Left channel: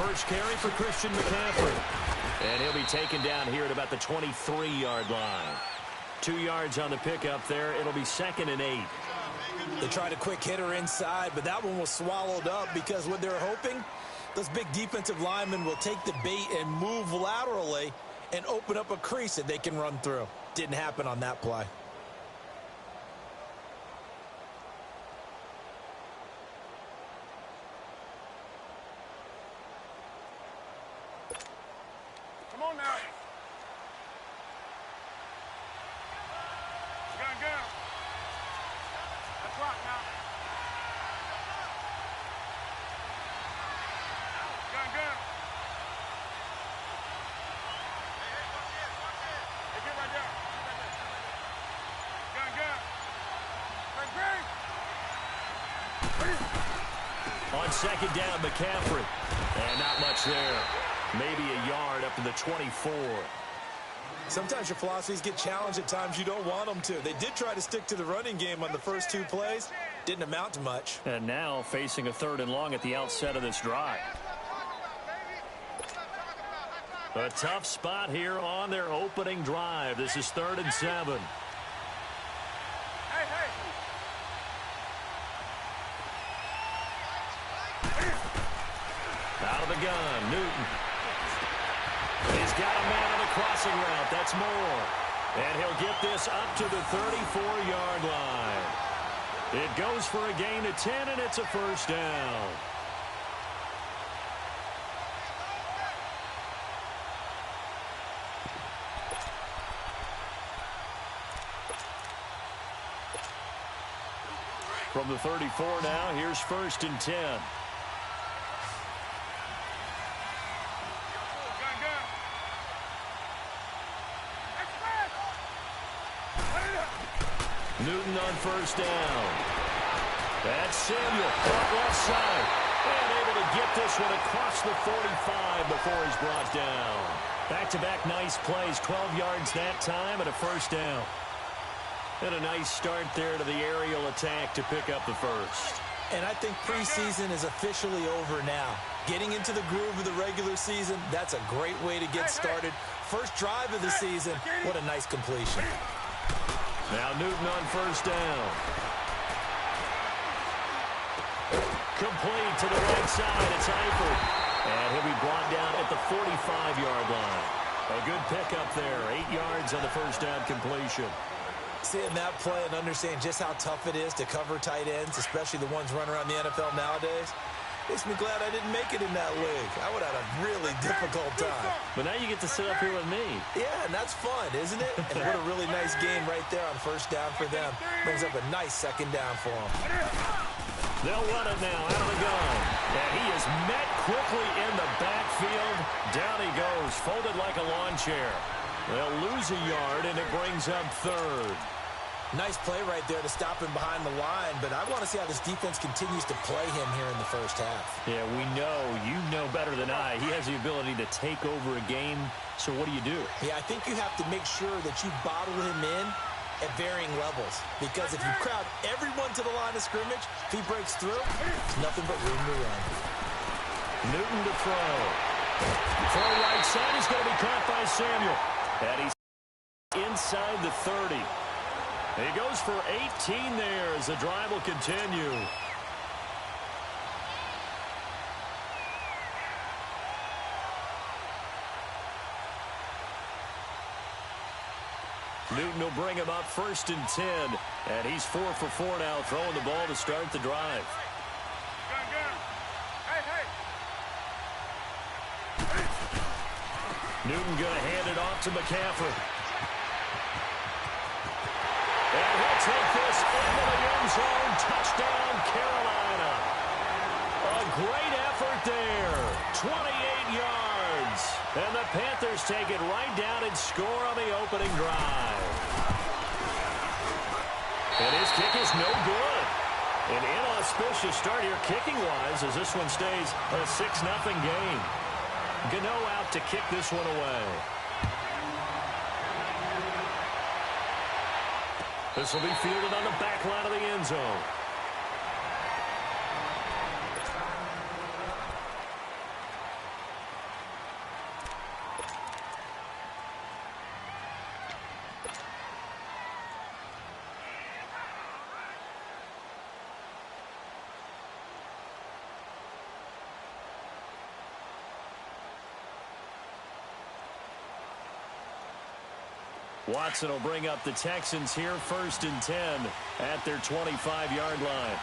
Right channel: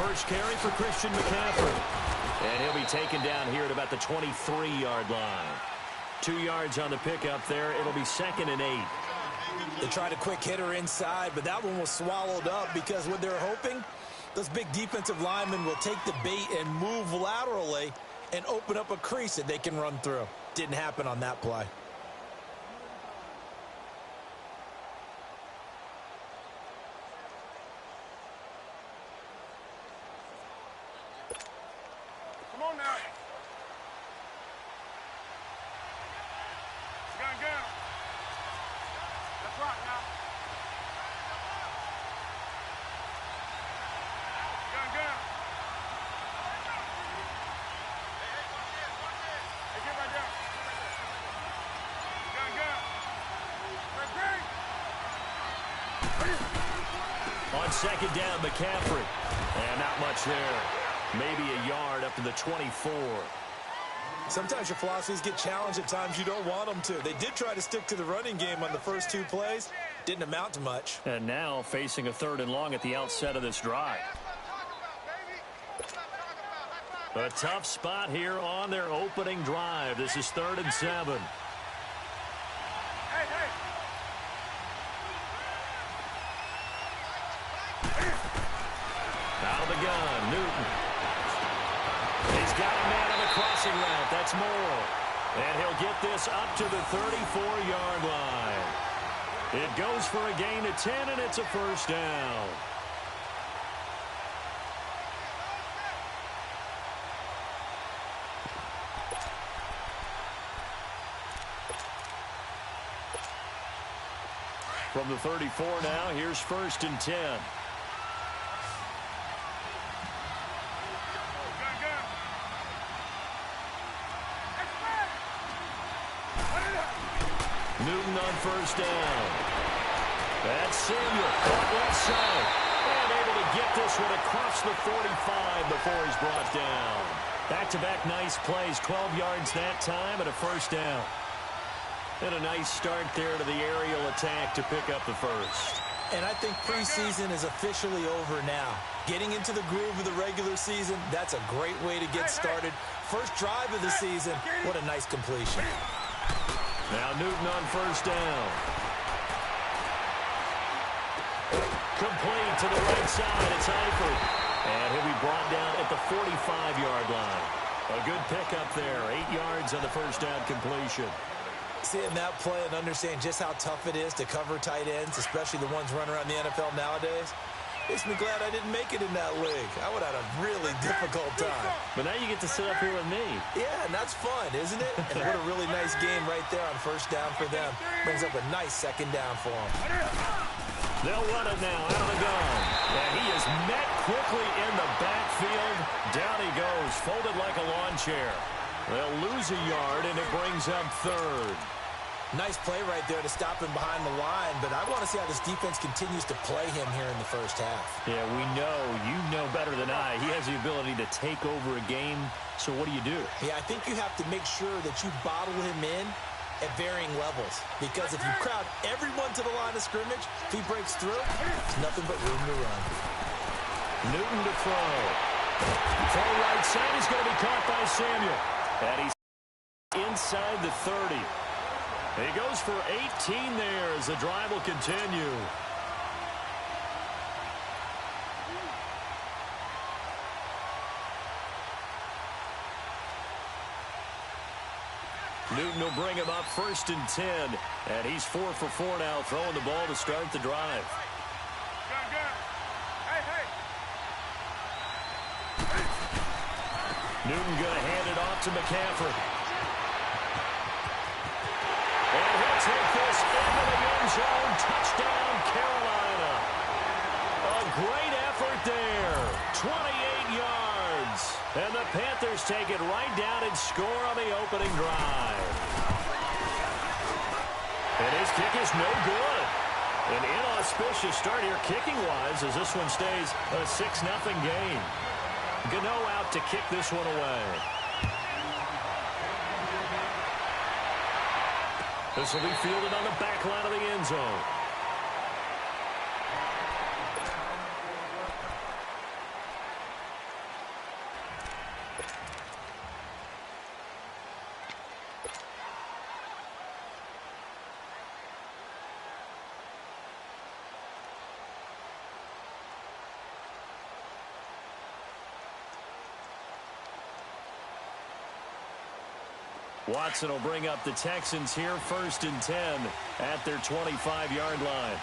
first carry for Christian McCaffrey. And he'll be taken down here at about the 23-yard line. 2 yards on the pickup there. It'll be 2nd and 8. They tried a quick hitter inside, but that one was swallowed up because what they're hoping, those big defensive linemen will take the bait and move laterally and open up a crease that they can run through. Didn't happen on that play. Come on now. Gun. That's right now. Gun. Hey, watch it. Hey, get right there. Gun. On 2nd down, McCaffrey. And not much there. Maybe a yard up to the 24. Sometimes your philosophies get challenged at times you don't want them to. They did try to stick to the running game on the first 2 plays. Didn't amount to much. And now facing a 3rd and long at the outset of this drive. A tough spot here on their opening drive. This is 3rd and 7. Out of the gun, Newton. He's got a man on the crossing route. That's Moore. And he'll get this up to the 34-yard line. It goes for a gain of 10, and it's a first down. From the 34 now, here's 1st and 10. Newton on 1st down. That's Samuel, caught left side. And able to get this one across the 45 before he's brought down. Back-to-back nice plays, 12 yards that time and a first down. And a nice start there to the aerial attack to pick up the first. And I think preseason is officially over now. Getting into the groove of the regular season, that's a great way to get started. First drive of the season, what a nice completion. Now Newton on 1st down. Complete to the right side. It's Eifert. And he'll be brought down at the 45-yard line. A good pickup there. 8 yards on the first down completion. Seeing that play and understand just how tough it is to cover tight ends, especially the ones running around the NFL nowadays, makes me glad I didn't make it in that league. I would have had a really difficult time. But now you get to sit up here with me. Yeah, and that's fun, isn't it? And what a really nice game right there on 1st down for them. Brings up a nice 2nd down for them. They'll run it now out of the gun. And he is met quickly in the backfield. Down he goes, folded like a lawn chair. They'll lose a yard, and it brings up 3rd. Nice play right there to stop him behind the line, but I want to see how this defense continues to play him here in the first half. Yeah, we know. You know better than I. He has the ability to take over a game, so what do you do? Yeah, I think you have to make sure that you bottle him in at varying levels, because if you crowd everyone to the line of scrimmage, if he breaks through, there's nothing but room to run. Newton to throw. Throw right side is going to be caught by Samuel. And he's inside the 30. He goes for 18 there as the drive will continue. Newton will bring him up 1st and 10. And he's 4 for 4 now, throwing the ball to start the drive. Newton going to hand it off to McCaffrey. And he'll take this into the end zone. Touchdown, Carolina. A great effort there. 28 yards. And the Panthers take it right down and score on the opening drive. And his kick is no good. An inauspicious start here kicking-wise as this one stays a 6-0 game. Gano out to kick this one away. This will be fielded on the back line of the end zone. Watson will bring up the Texans here 1st and 10 at their 25-yard line.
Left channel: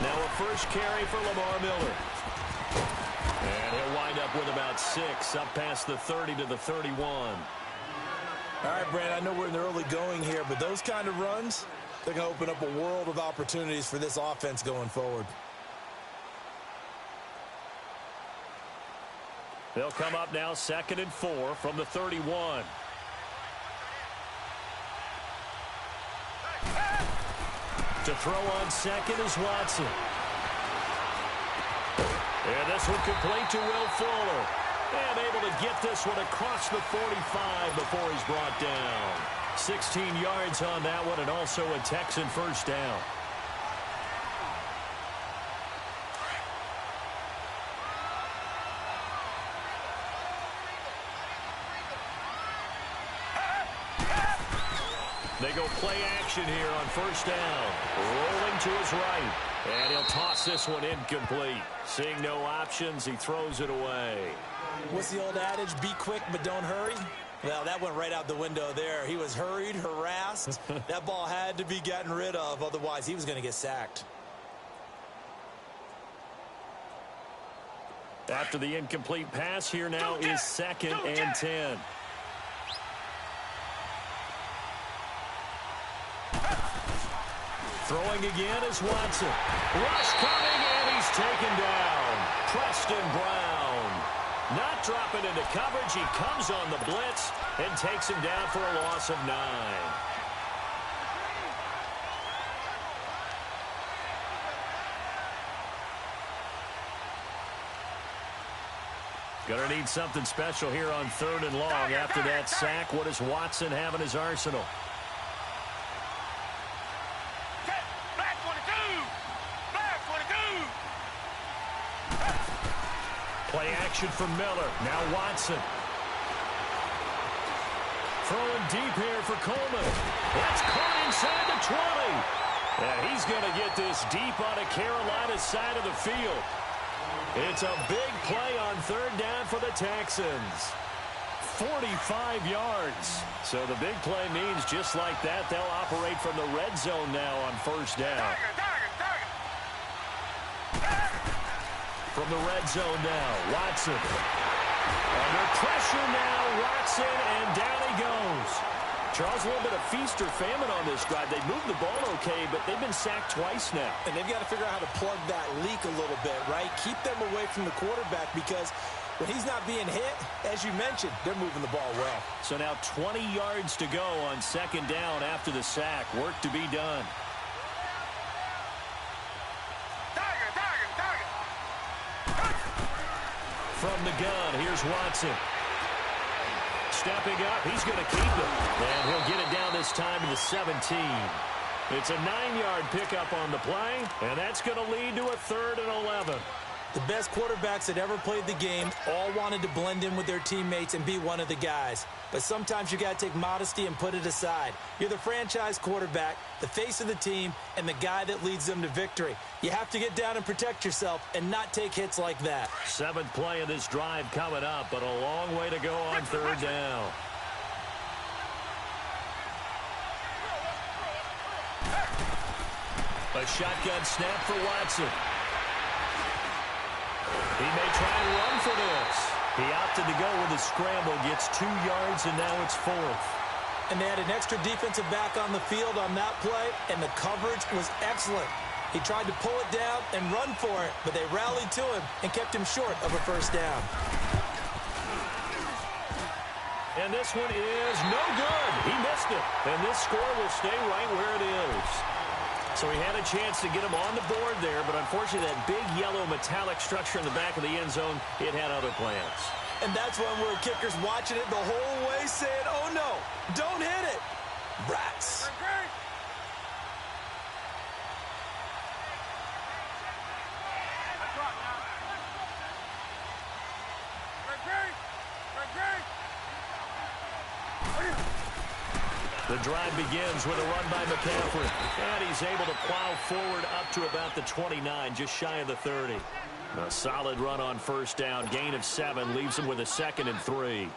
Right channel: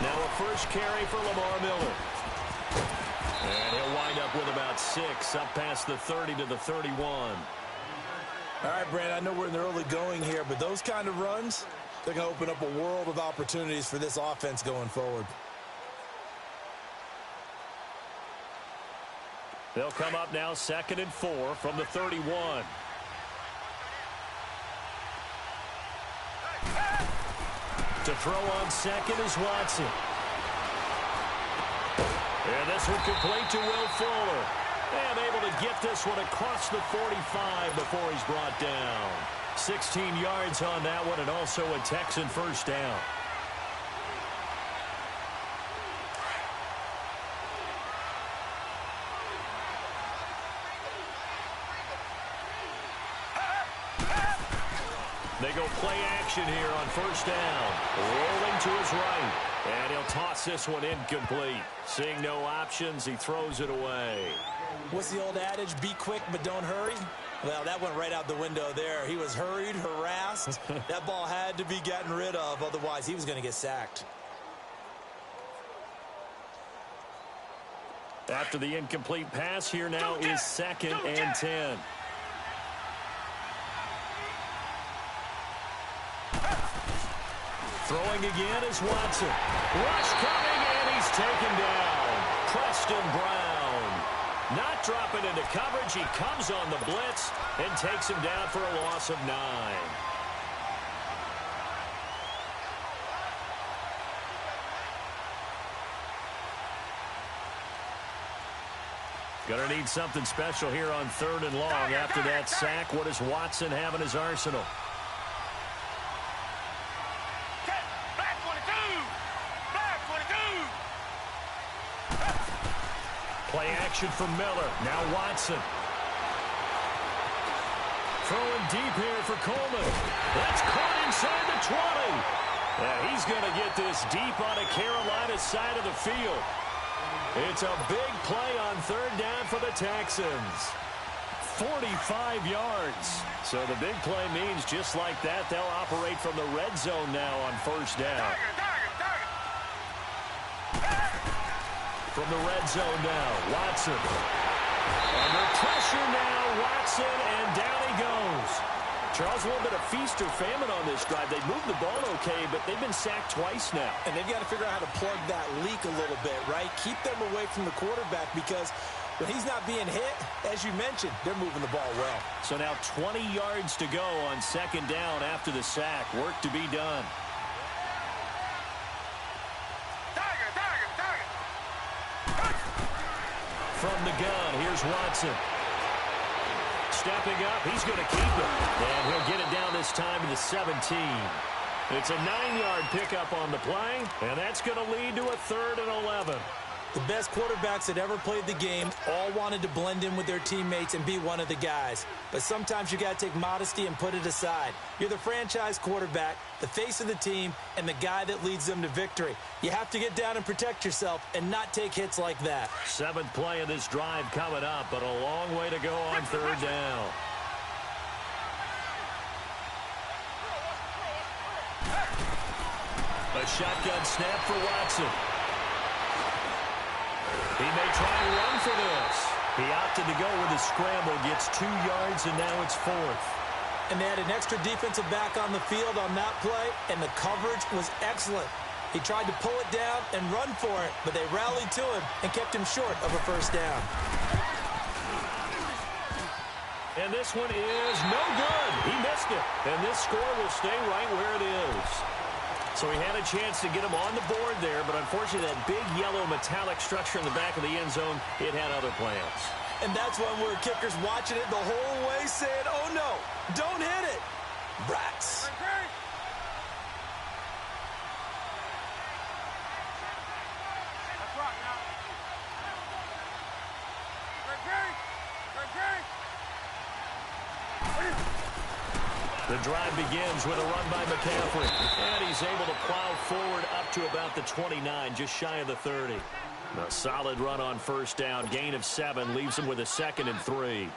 Now a first carry for Lamar Miller. And he'll wind up with about 6 up past the 30 to the 31. All right, Brandon, I know we're in the early going here, but those kind of runs, they're going to open up a world of opportunities for this offense going forward. They'll come up now 2nd and 4 from the 31. To throw on second is Watson. And this one complete to Will Fuller. And able to get this one across the 45 before he's brought down. 16 yards on that one, and also a Texan first down. They go play action here on first down. Rolling to his right. And he'll toss this one incomplete. Seeing no options, he throws it away. What's the old adage? Be quick, but don't hurry. Well, that went right out the window there. He was hurried, harassed. That ball had to be gotten rid of. Otherwise, he was going to get sacked. After the incomplete pass, here now is 2nd and 10. Throwing again is Watson. Rush coming, and he's taken down. Preston Brown. Not dropping into coverage. He comes on the blitz and takes him down for a loss of 9. Gonna need something special here on 3rd and long. After that sack, what does Watson have in his arsenal? Play action from Miller. Now Watson. Throwing deep here for Coleman. That's caught inside the 20. Yeah, he's going to get this deep on a Carolina side of the field. It's a big play on 3rd down for the Texans. 45 yards. So the big play means just like that, they'll operate from the red zone now on 1st down. From the red zone now, Watson. Under pressure now, Watson, and down he goes. Charles, a little bit of feast or famine on this drive. They moved the ball okay, but they've been sacked twice now. And they've got to figure out how to plug that leak a little bit, right? Keep them away from the quarterback because when he's not being hit, as you mentioned, they're moving the ball well. So now 20 yards to go on 2nd down after the sack. Work to be done. From the gun, here's Watson. Stepping up, he's going to keep it. And he'll get it down this time to the 17. It's a 9-yard pickup on the play, and that's going to lead to a 3rd and 11. The best quarterbacks that ever played the game all wanted to blend in with their teammates and be one of the guys. But sometimes you got to take modesty and put it aside. You're the franchise quarterback, the face of the team, and the guy that leads them to victory. You have to get down and protect yourself and not take hits like that. 7th play of this drive coming up, but a long way to go on 3rd down. A shotgun snap for Watson. He may try and run for this. He opted to go with a scramble, gets 2 yards, and now it's 4th. And they had an extra defensive back on the field on that play, and the coverage was excellent. He tried to pull it down and run for it, but they rallied to him and kept him short of a 1st down. And this one is no good. He missed it. And this score will stay right where it is. So he had a chance to get him on the board there, but unfortunately that big yellow metallic structure in the back of the end zone, it had other plans. And that's when we're kickers watching it the whole way saying, oh no, don't hit it. Rats. The drive begins with a run by McCaffrey. And he's able to plow forward up to about the 29, just shy of the 30. A solid run on first down. Gain of 7 leaves him with a 2nd and 3.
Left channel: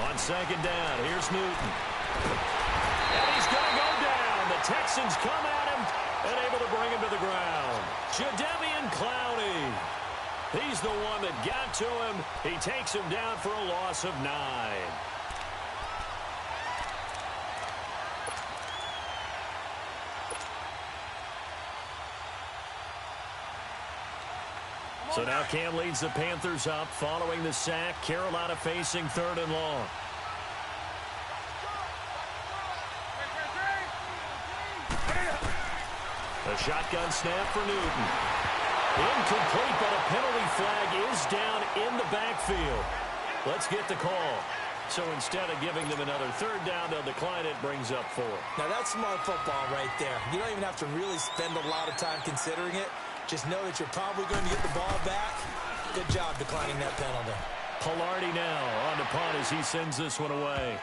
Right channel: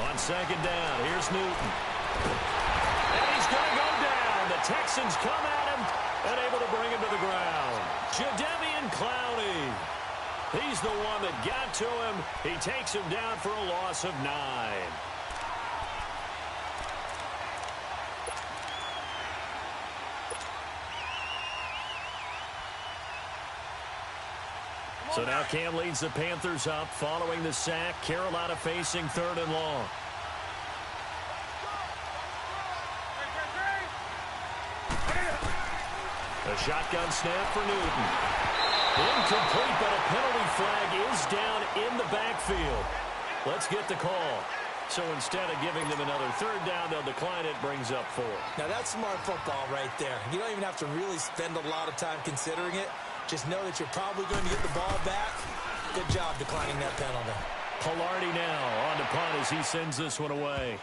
On second down, here's Newton. And he's going to go down. The Texans come at him and able to bring him to the ground. Jadeveon Clowney. He's the one that got to him. He takes him down for a loss of 9. So now Cam leads the Panthers up following the sack. Carolina facing 3rd and long. A shotgun snap for Newton. Incomplete, but a penalty flag is down in the backfield. Let's get the call. So instead of giving them another 3rd down, they'll decline it, brings up 4. Now that's smart football right there. You don't even have to really spend a lot of time considering it. Just know that you're probably going to get the ball back. Good job declining that penalty. Pilardi now on to punt as he sends this one away.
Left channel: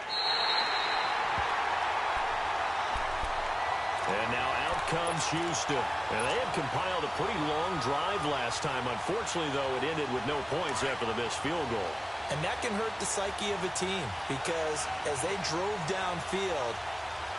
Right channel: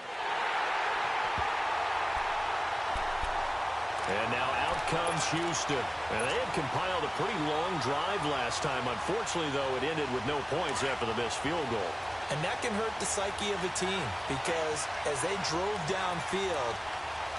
And now out comes Houston. And they had compiled a pretty long drive last time. Unfortunately, though, it ended with no points after the missed field goal. And that can hurt the psyche of a team because as they drove downfield,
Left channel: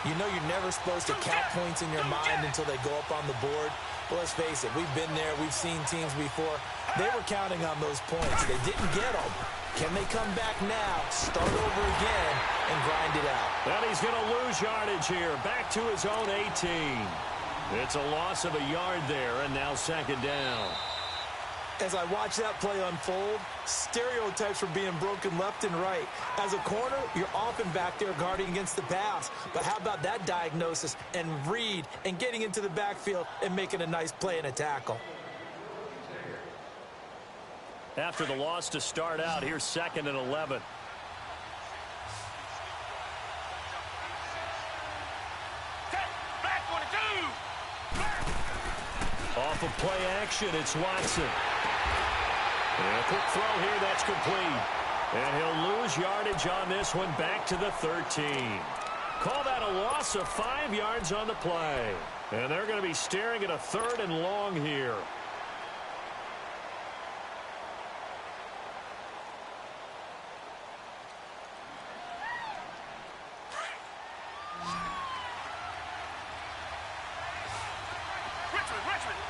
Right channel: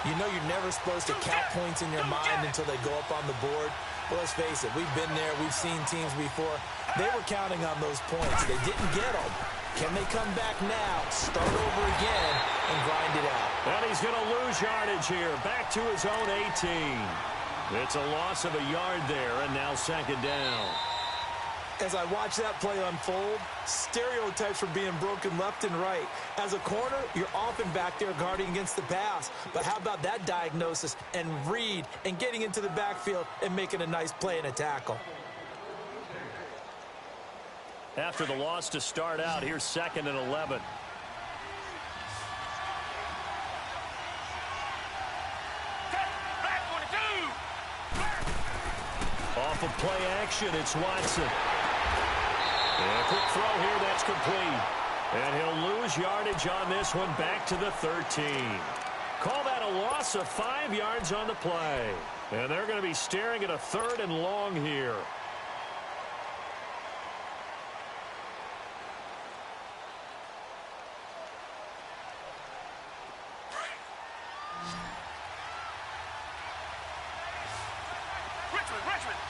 you know you're never supposed to count points in your mind until they go up on the board. Well, let's face it, we've been there. We've seen teams before. They were counting on those points. They didn't get them. Can they come back now, start over again, and grind it out? And he's going to lose yardage here. Back to his own 18. It's a loss of a yard there, and now 2nd down. As I watch that play unfold, stereotypes are being broken left and right. As a corner, you're often back there guarding against the pass. But how about that diagnosis and read and getting into the backfield and making a nice play and a tackle? After the loss to start out, here's 2nd and 11. Off of play action, it's Watson. And a quick throw here, that's complete. And he'll lose yardage on this one, back to the 13. Call that a loss of 5 yards on the play. And they're going to be staring at a 3rd and long here. Richmond.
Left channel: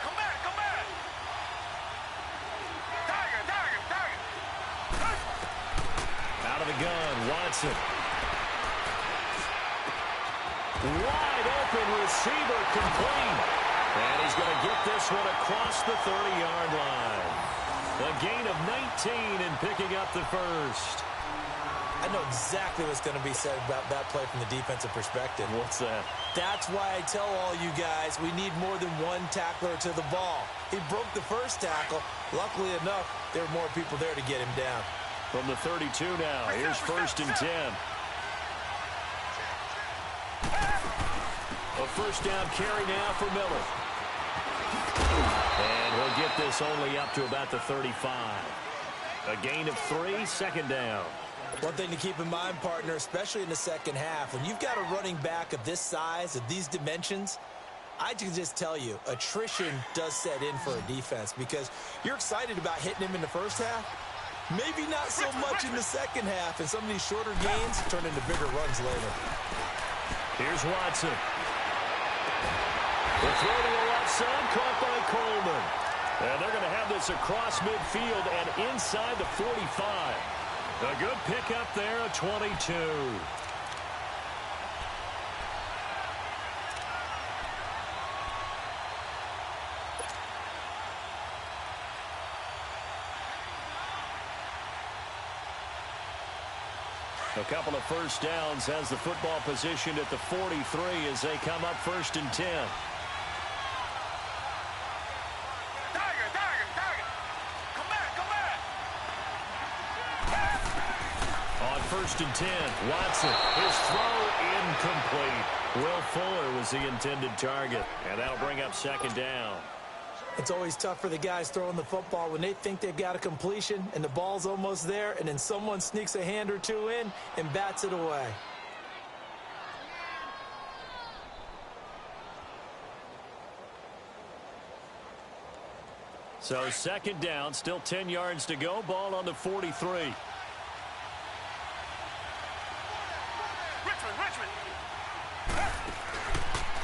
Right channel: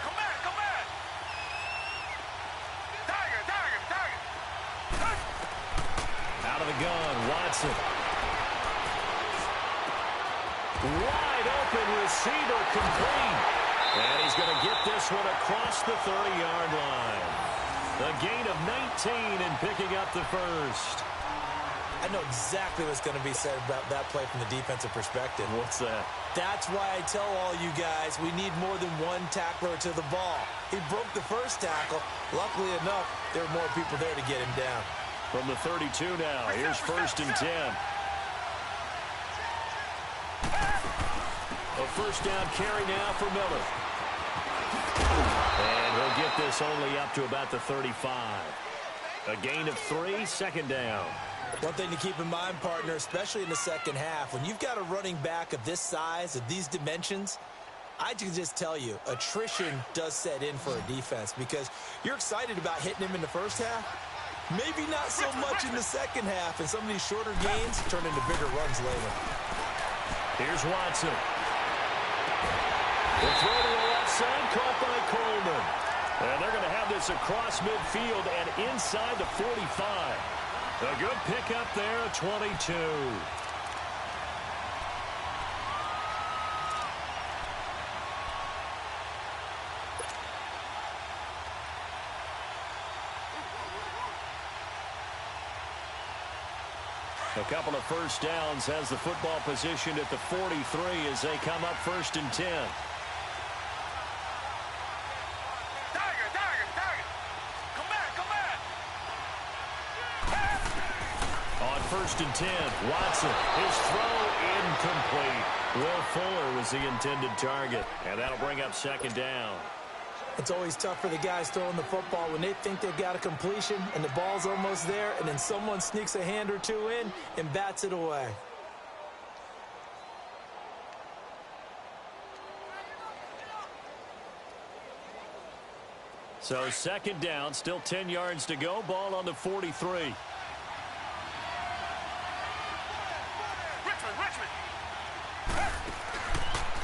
Come back. Tiger. Out of the gun, Watson. Wide open receiver, complete. And he's going to get this one across the 30-yard line. A gain of 19 and picking up the 1st. I know exactly what's going to be said about that play from the defensive perspective. What's that? That's why I tell all you guys we need more than one tackler to the ball. He broke the first tackle. Luckily enough, there were more people there to get him down. From the 32 now, here's 1st and 10. A 1st down carry now for Miller. And he'll get this only up to about the 35. A gain of 3, 2nd down. One thing to keep in mind, partner, especially in the second half, when you've got a running back of this size, of these dimensions, I can just tell you, attrition does set in for a defense because you're excited about hitting him in the first half. Maybe not so much in the second half, and some of these shorter gains turn into bigger runs later. Here's Watson. The throw to the left side, caught by Coleman. And they're going to have this across midfield and inside the 45. A good pickup there at 22. A couple of first downs, has the football positioned at the 43 as they come up 1st and 10. On 1st and 10, Watson, his throw incomplete. Will Fuller was the intended target, and that'll bring up 2nd down. It's always tough for the guys throwing the football when they think they've got a completion and the ball's almost there, and then someone sneaks a hand or two in and bats it away. So 2nd down, still 10 yards to go, ball on the 43.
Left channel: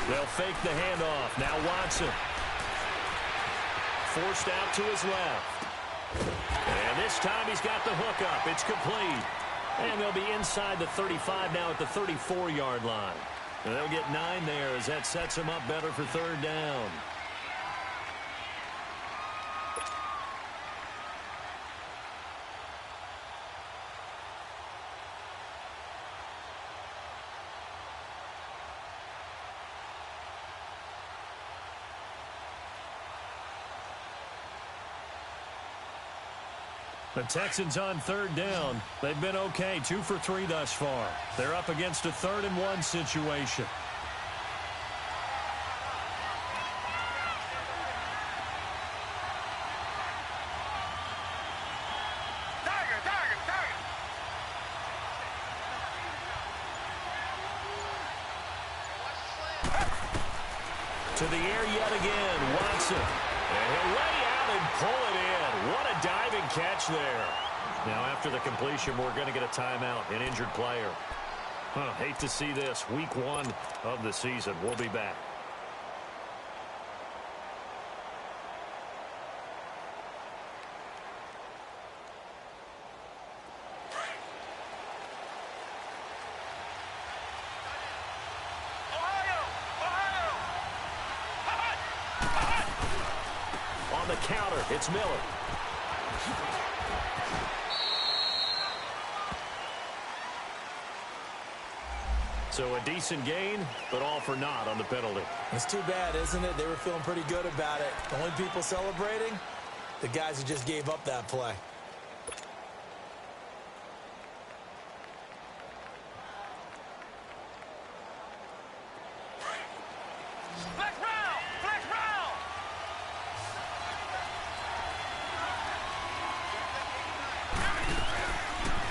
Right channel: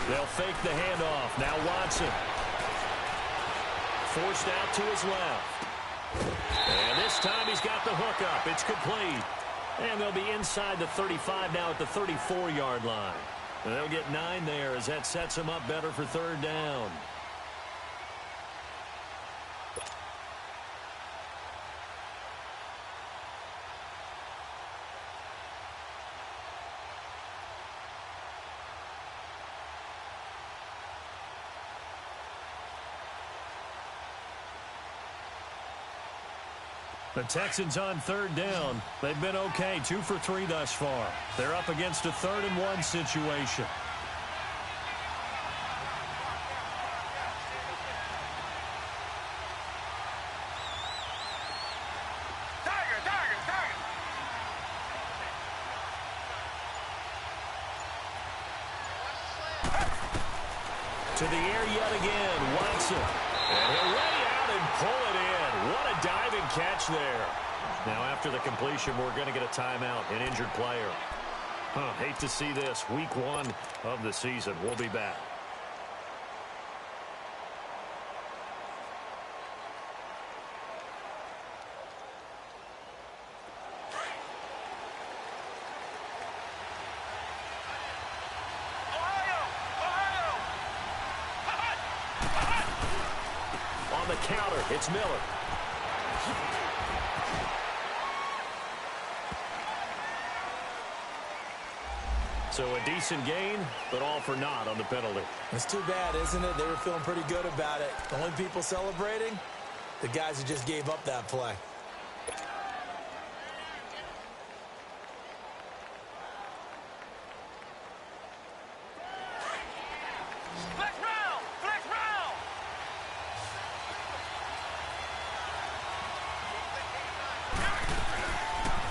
They'll fake the handoff. Now Watson. Forced out to his left. And this time he's got the hook up. It's complete. And they'll be inside the 35 now at the 34-yard line. And they'll get 9 there as that sets them up better for 3rd down. The Texans on 3rd down. They've been okay, 2 for 3 thus far. They're up against a 3rd and 1 situation. To the air yet again, Watson. And he'll lay out and pull it in. What a diving catch there. Now after the completion, we're going to get a timeout, an injured player. Hate to see this. Week 1 of the season. We'll be back. On the counter, it's Miller. So a decent gain, but all for naught on the penalty. It's too bad, isn't it? They were feeling pretty good about it. The only people celebrating, the guys who just gave up that play.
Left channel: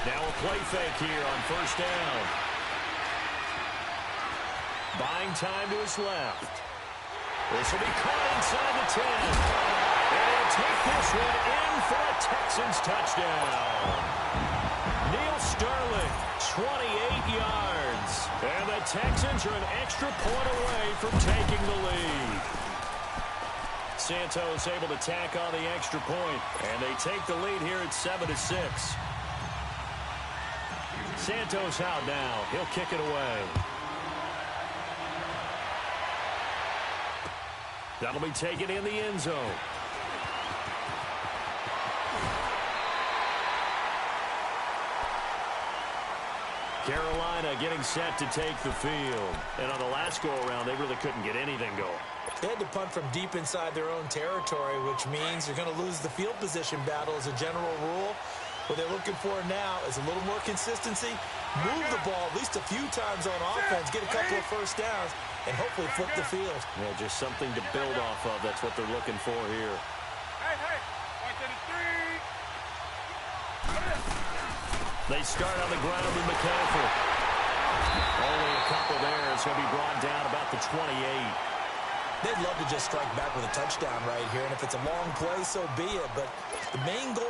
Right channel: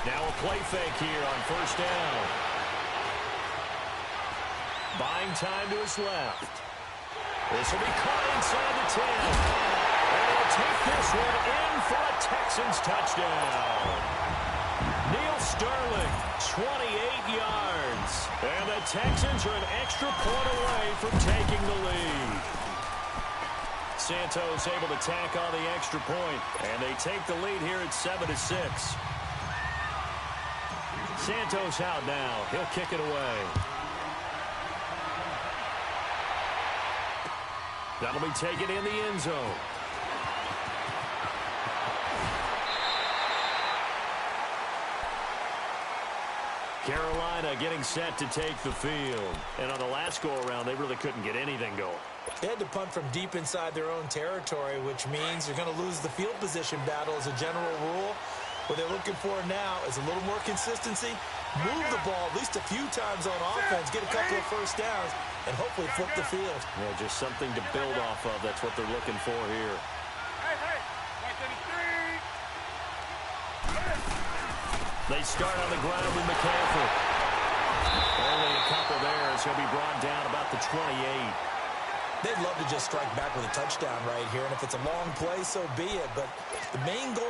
Now a play fake here on 1st down. Buying time to his left. This will be caught inside the 10. And he'll take this one in for a Texans touchdown. Neil Sterling, 28 yards. And the Texans are an extra point away from taking the lead. Santos able to tack on the extra point, and they take the lead here at 7-6. Santos out now. He'll kick it away. That'll be taken in the end zone. Carolina getting set to take the field. And on the last go-around, they really couldn't get anything going. They had to punt from deep inside their own territory, which means you're going to lose the field position battle as a general rule. What they're looking for now is a little more consistency, move the ball at least a few times on offense, get a couple of first downs, and hopefully flip the field. Yeah, just something to build off of. That's what they're looking for here. They start on the ground with McCaffrey. Only a couple there. It's going to be brought down about the 28. They'd love to just strike back with a touchdown right here, and if it's a long play, so be it. But the main goal,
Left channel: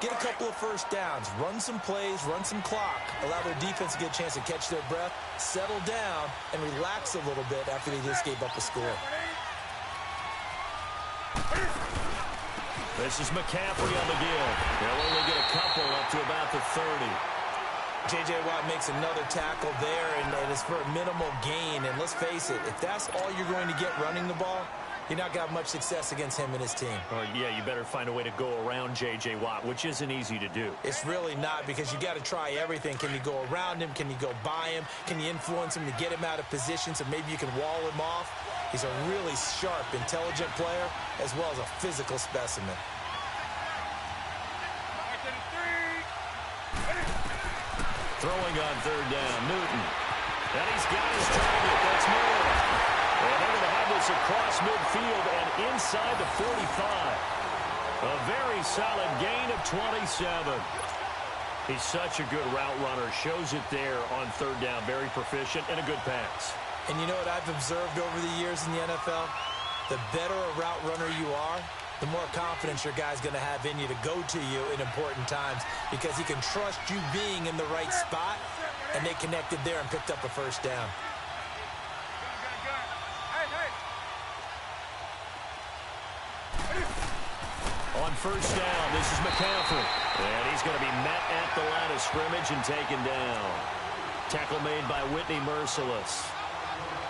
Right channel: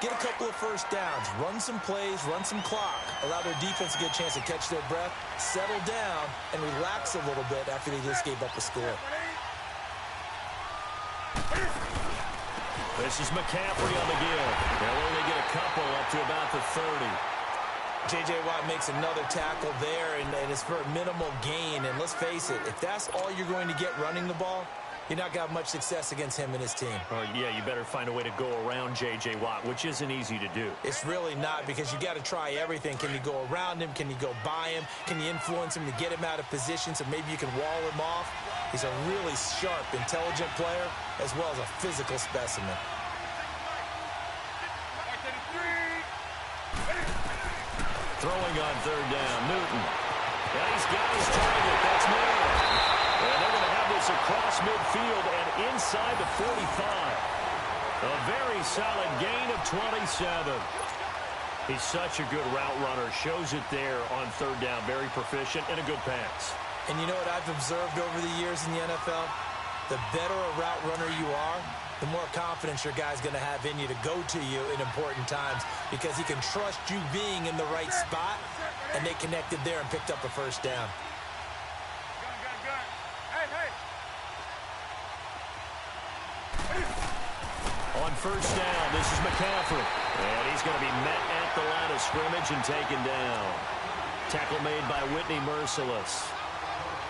get a couple of first downs, run some plays, run some clock, allow their defense to get a chance to catch their breath, settle down, and relax a little bit after they just gave up a score. This is McCaffrey on the give. They'll only get a couple up to about the 30. J.J. Watt makes another tackle there, and it's for a minimal gain. And let's face it, if that's all you're going to get running the ball, you're not going to have much success against him and his team. Oh, yeah, you better find a way to go around J.J. Watt, which isn't easy to do. It's really not, because you got to try everything. Can you go around him? Can you go by him? Can you influence him to get him out of position so maybe you can wall him off? He's a really sharp, intelligent player as well as a physical specimen. Throwing on third down, Newton. And he's got his target. That's Moore. And they're going to have this across midfield and inside the 45. A very solid gain of 27. He's such a good route runner. Shows it there on third down. Very proficient and a good pass. And you know what I've observed over the years in the NFL? The better a route runner you are, the more confidence your guy's going to have in you to go to you in important times, because he can trust you being in the right spot, and they connected there and picked up a first down. On first down, this is McCaffrey. And he's going to be met at the line of scrimmage and taken down. Tackle made by Whitney Merciless.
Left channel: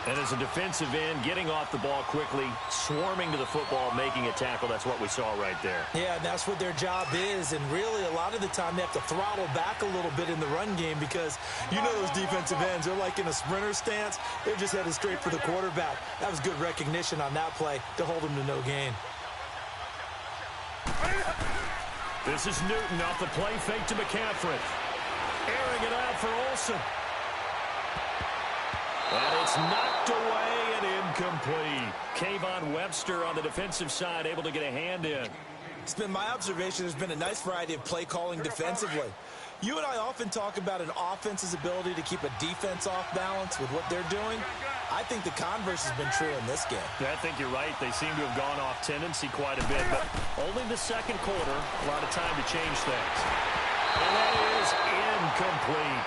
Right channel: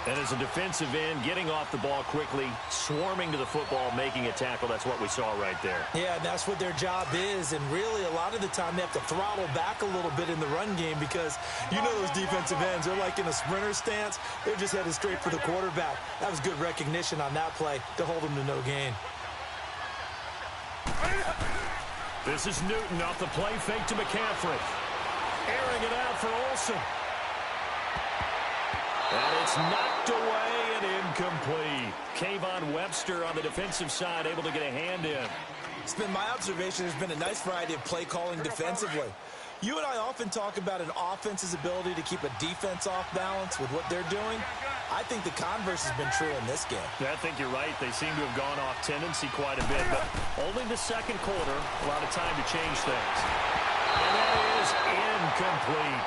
And as a defensive end, getting off the ball quickly, swarming to the football, making a tackle. That's what we saw right there. Yeah, and that's what their job is. And really, a lot of the time, they have to throttle back a little bit in the run game, because you know those defensive ends, they're like in a sprinter stance. They're just headed straight for the quarterback. That was good recognition on that play to hold him to no gain. This is Newton off the play fake to McCaffrey. Airing it out for Olsen. And it's knocked away and incomplete. Kayvon Webster on the defensive side able to get a hand in. It's been my observation there's been a nice variety of play calling defensively. You and I often talk about an offense's ability to keep a defense off balance with what they're doing. I think the converse has been true in this game. Yeah, I think you're right. They seem to have gone off tendency quite a bit, but only the second quarter, a lot of time to change things. And that is incomplete.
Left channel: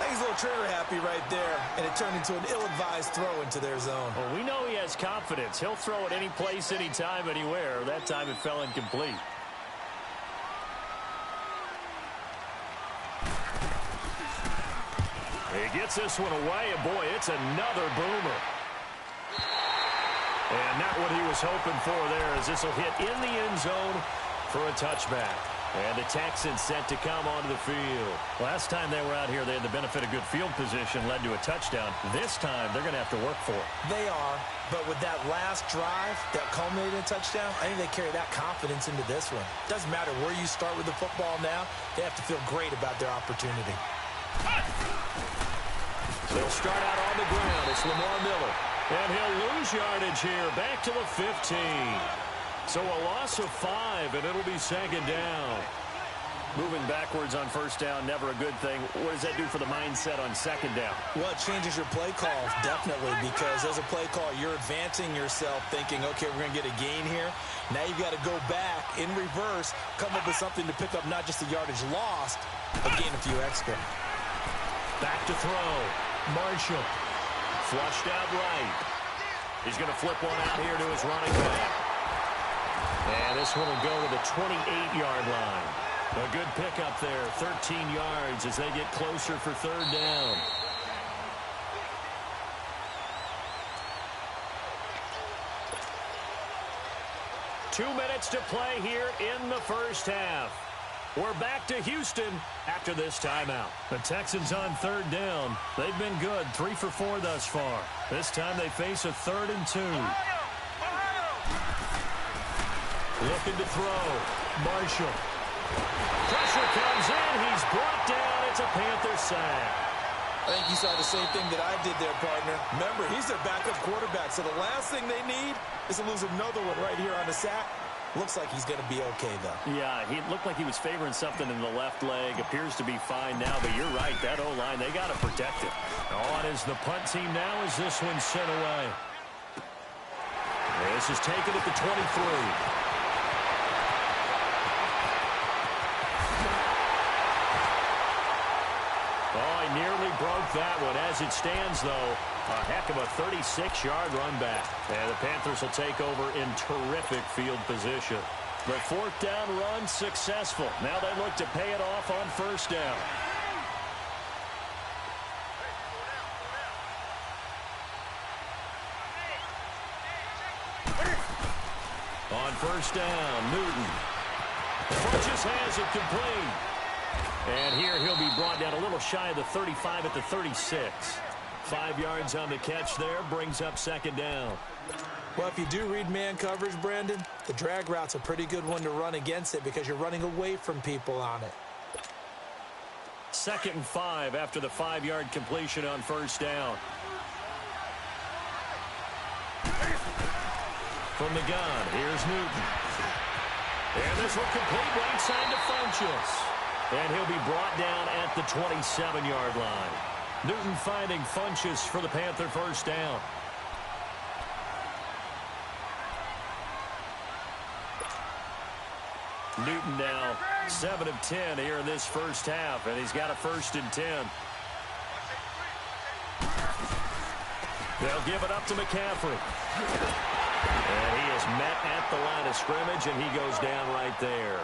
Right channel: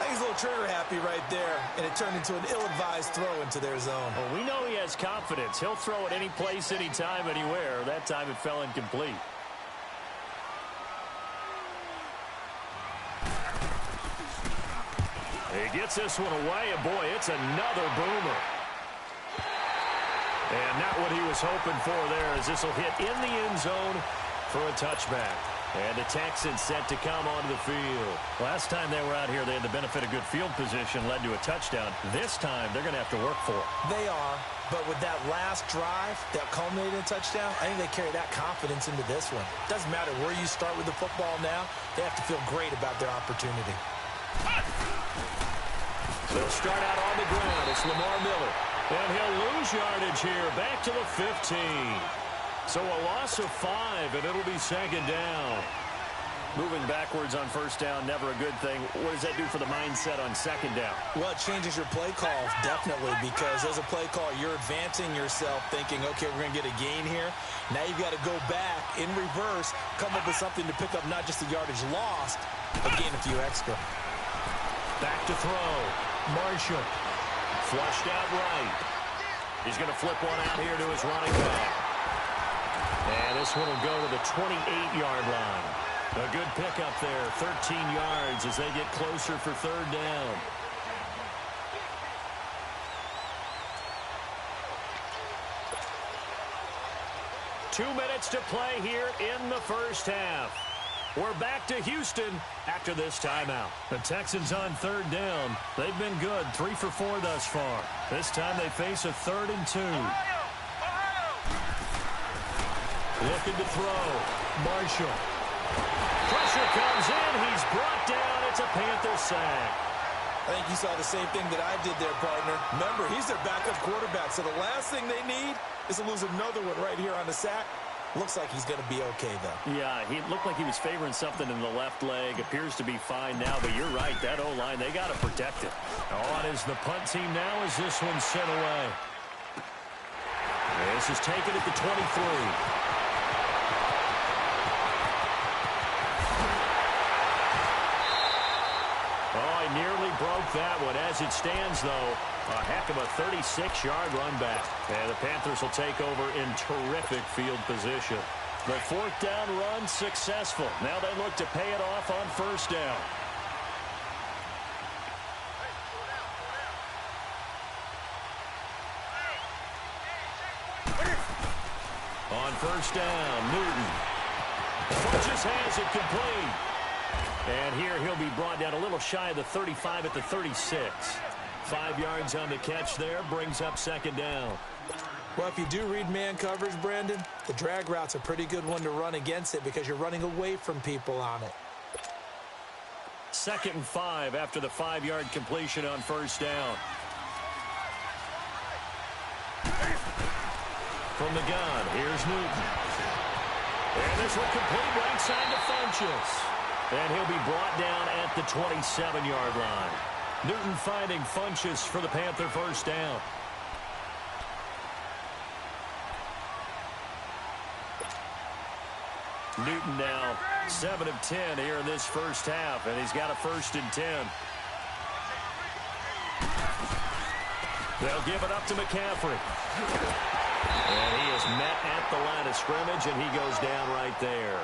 I think he's a little trigger happy right there, and it turned into an ill-advised throw into their zone. Well, we know he has confidence. He'll throw it any place, anytime, anywhere. That time it fell incomplete. He gets this one away, and boy, it's another boomer. And not what he was hoping for there, as this will hit in the end zone for a touchback. And the Texans set to come onto the field. Last time they were out here, they had the benefit of good field position, led to a touchdown. This time, they're going to have to work for it. They are, but with that last drive that culminated in a touchdown, I think they carry that confidence into this one. Doesn't matter where you start with the football now, they have to feel great about their opportunity. They'll start out on the ground. It's Lamar Miller. And he'll lose yardage here, back to the 15. So a loss of 5, and it'll be second down. Moving backwards on first down, never a good thing. What does that do for the mindset on second down? Well, it changes your play call, definitely, because as a play call, you're advancing yourself thinking, okay, we're going to get a gain here. Now you've got to go back in reverse, come up with something to pick up not just the yardage lost, but gain a few extra. Back to throw. Marshall. Flushed out right. He's going to flip one out here to his running back. And this one will go to the 28-yard line. A good pickup there, 13 yards as they get closer for third down. Two minutes to play here in the first half. We're back to Houston after this timeout. The Texans on third down. They've been good, 3 for 4 thus far. This time they face a 3rd and 2. Looking to throw. Marshall. Pressure comes in. He's brought down. It's a Panther sack. I think you saw the same thing that I did there, partner. Remember, he's their backup quarterback, so the last thing they need is to lose another one right here on the sack. Looks like he's going to be okay, though. Yeah, he looked like he was favoring something in the left leg. Appears to be fine now, but you're right. That O-line, they got to protect it. On is the punt team now as this one's sent away. This is taken at the 23. Oh, he nearly broke that one. As it stands, though, a heck of a 36-yard run back. And the Panthers will take over in terrific field position. The 4th down run successful. Now they look to pay it off on first down. On first down, Newton. Just has it complete. And here he'll be brought down a little shy of the 35 at the 36. 5 yards on the catch there, brings up second down. Well, if you do read man coverage, Brandon, the drag route's a pretty good one to run against it because you're running away from people on it. 2nd and 5 after the 5-yard completion on first down. From the gun, here's Newton. And this one complete right side to Funchess. And he'll be brought down at the 27-yard line. Newton finding Funchess for the Panther first down. Newton now 7 of 10 here in this first half, and he's got a 1st and 10. They'll give it up to McCaffrey. And he is met at the line of scrimmage, and he goes down right there.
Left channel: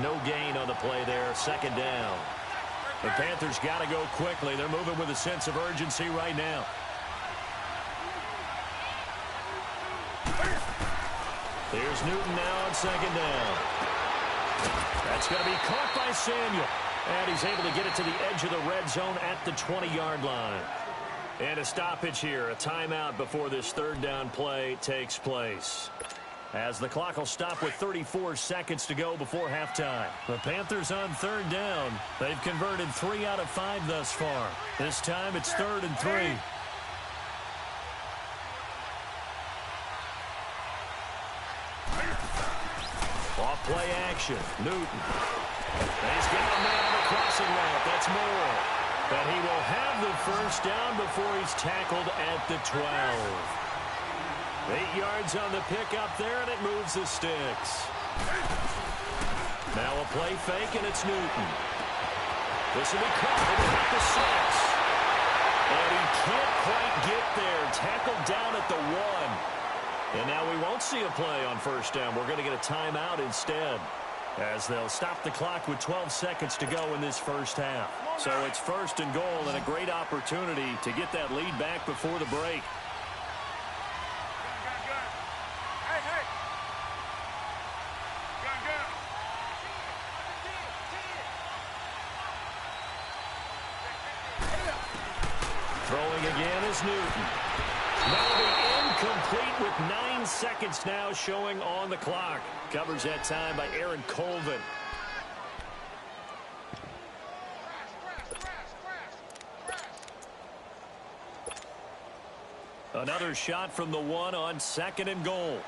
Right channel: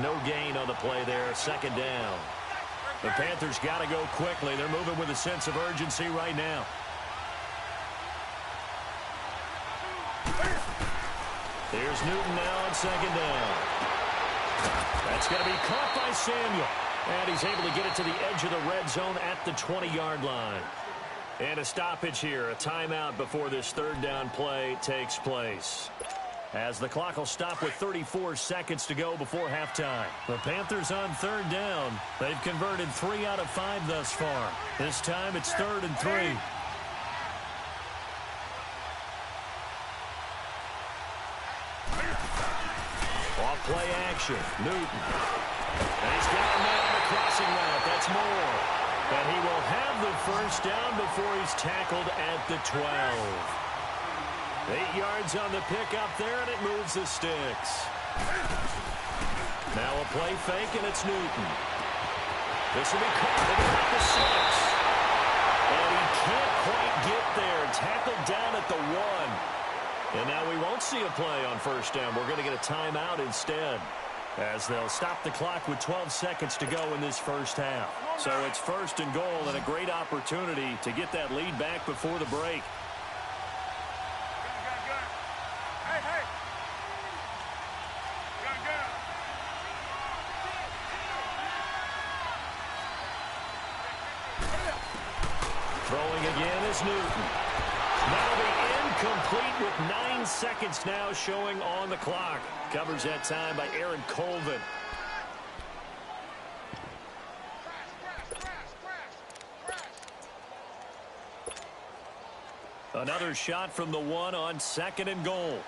No gain on the play there, 2nd down. The Panthers got to go quickly. They're moving with a sense of urgency right now. Here's Newton now on 2nd down. That's going to be caught by Samuel. And he's able to get it to the edge of the red zone at the 20-yard line. And a stoppage here, a timeout before this 3rd down play takes place. As the clock will stop with 34 seconds to go before halftime. The Panthers on 3rd down. They've converted 3 out of 5 thus far. This time it's 3rd and 3. Off play action. Newton. And he's got a man on the crossing route. That's more. And he will have the 1st down before he's tackled at the 12. 8 yards on the pickup there, and it moves the sticks. Now a play fake, and it's Newton. This will be caught at about the 6. And he can't quite get there. Tackled down at the 1. And now we won't see a play on 1st down. We're going to get a timeout instead, as they'll stop the clock with 12 seconds to go in this first half. So it's 1st and goal, and a great opportunity to get that lead back before the break. Throwing again is Newton. That'll be incomplete with 9 seconds now showing on the clock. Covers that time by Aaron Colvin. Another shot from the 1 on 2nd and goal.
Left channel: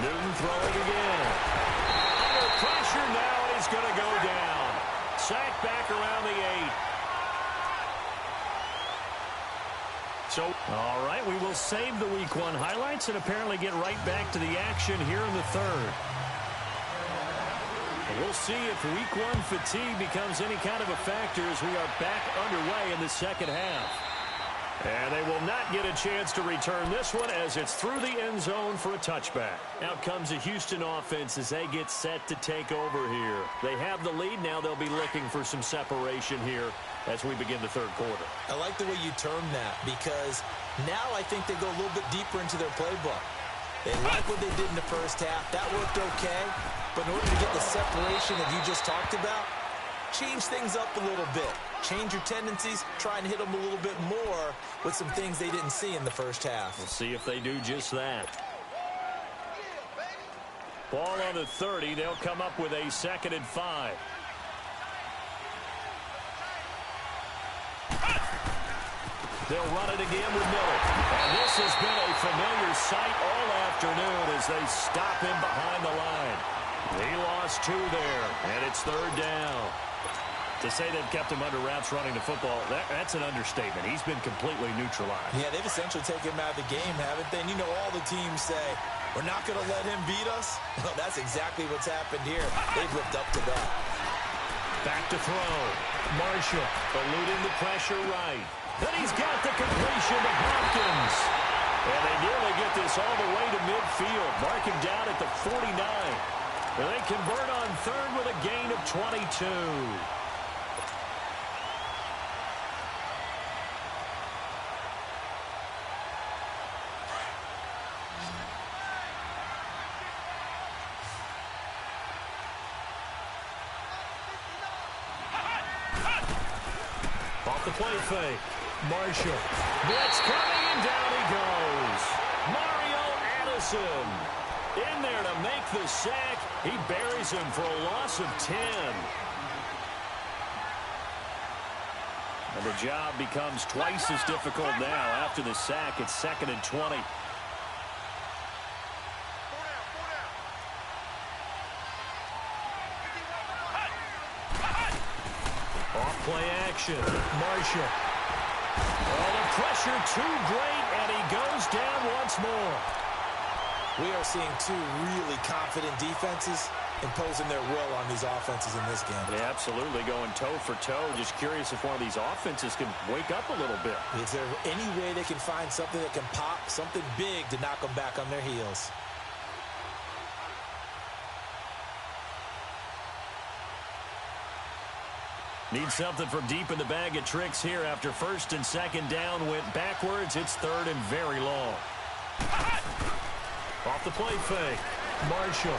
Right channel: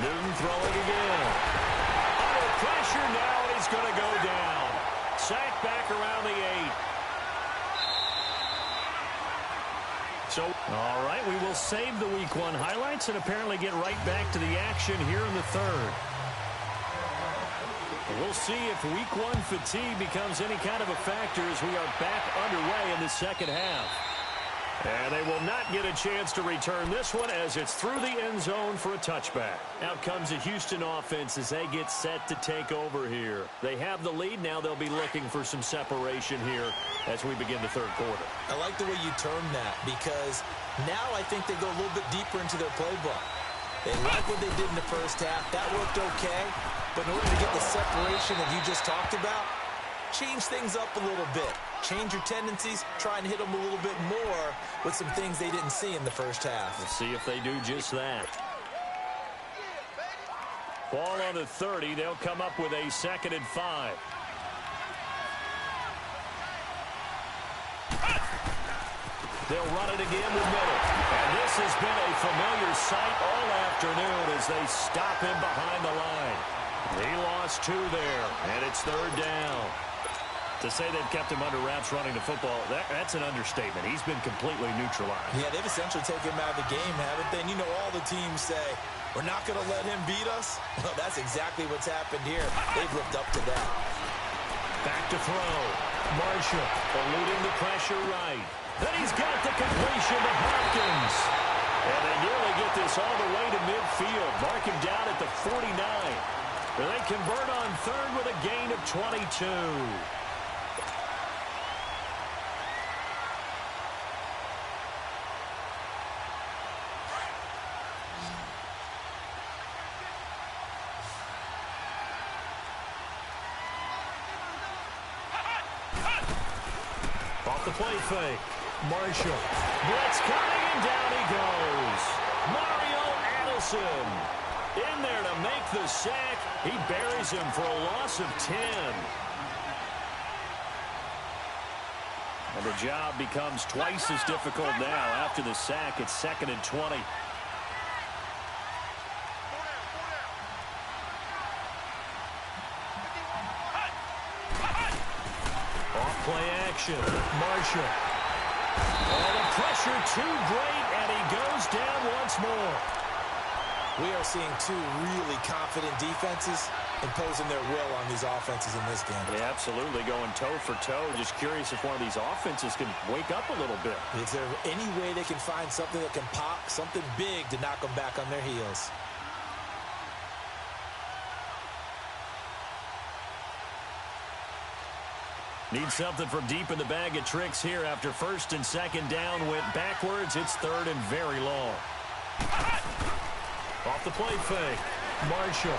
Newton throwing again. Under pressure now, and he's going to go down. Sacked back around the 8. So, all right, we will save the Week 1 highlights and apparently get right back to the action here in the 3rd. We'll see if Week 1 fatigue becomes any kind of a factor as we are back underway in the 2nd half. And they will not get a chance to return this one as it's through the end zone for a touchback. Out comes the Houston offense as they get set to take over here. They have the lead. Now they'll be looking for some separation here as we begin the 3rd quarter. I like the way you term that because now I think they go a little bit deeper into their playbook. They like what they did in the first half. That worked okay. But in order to get the separation that you just talked about, change things up a little bit. Change your tendencies. Try and hit them a little bit more with some things they didn't see in the first half. We'll see if they do just that. Ball on the 30. They'll come up with a 2nd and 5. They'll run it again with Miller. And this has been a familiar sight all afternoon as they stop him behind the line. He lost 2 there, and it's 3rd down. To say they've kept him under wraps running the football, that's an understatement. He's been completely neutralized. Yeah, they've essentially taken him out of the game, haven't they? And you know all the teams say, we're not going to let him beat us. Well, that's exactly what's happened here. They've lived up to that. Back to throw. Marshall eluding the pressure right. Then he's got the completion to Hopkins. And they nearly get this all the way to midfield. Mark him down at the 49. And they convert on third with a gain of 22. Off the play fake. Marshall. Blitz coming, and down he goes. Mario Addison in there to make the sack. He buries him for a loss of 10. And the job becomes twice as difficult now after the sack. It's 2nd and 20. Off-play action. Marshall. Oh, the pressure too great, and he goes down once more. We are seeing two really confident defenses imposing their will on these offenses in this game. Yeah, absolutely, going toe for toe. Just curious if one of these offenses can wake up a little bit. Is there any way they can find something that can pop, something big to knock them back on their heels? Need something from deep in the bag of tricks here after 1st and 2nd down went backwards. It's 3rd and very long. Off the play fake. Marshall